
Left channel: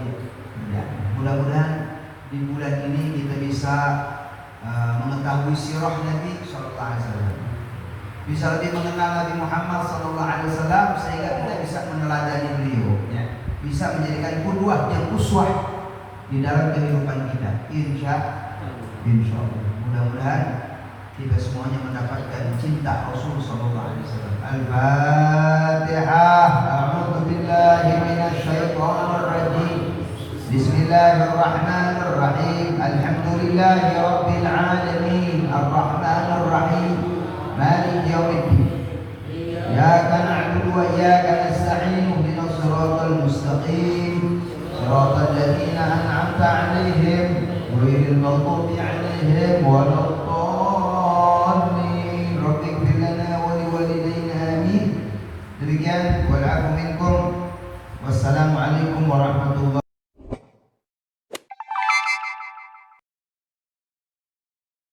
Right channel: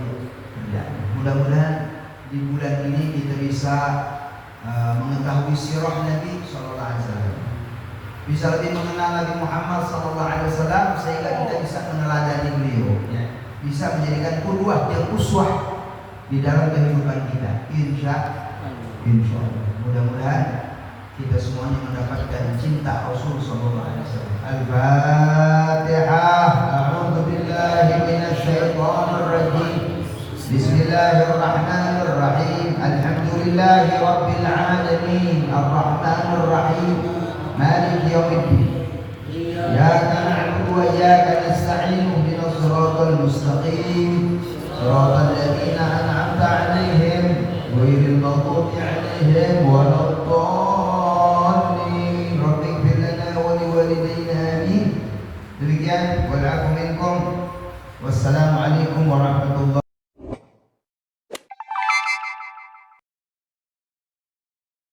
Ya, mudah-mudahan di bulan ini kita bisa mengetahui sirah Nabi Sallallahu Alaihi Wasallam, bisa lebih mengenal Nabi Muhammad Sallallahu Alaihi Wasallam sehingga kita bisa meneladani beliau, ya. Bisa menjadikan qudwah dan uswah di dalam kehidupan kita. Insya Allah. Mudah-mudahan kita semuanya mendapatkan cinta Rasul Sallallahu Alaihi Wasallam. Al-Fatihah. A'udzu billahi minasy syaithanir rajim. Bismillahirrahmanirrahim. Alhamdulillahi rabbil alamin. Ar-Rahmanir Rahim. Maliki yaumiddin. Iyyaka na'budu wa iyyaka nasta'in. Ihdinas siratal mustaqim. Siratal ladzina an'amta 'alaihim ghairil maghdubi 'alaihim waladdallin.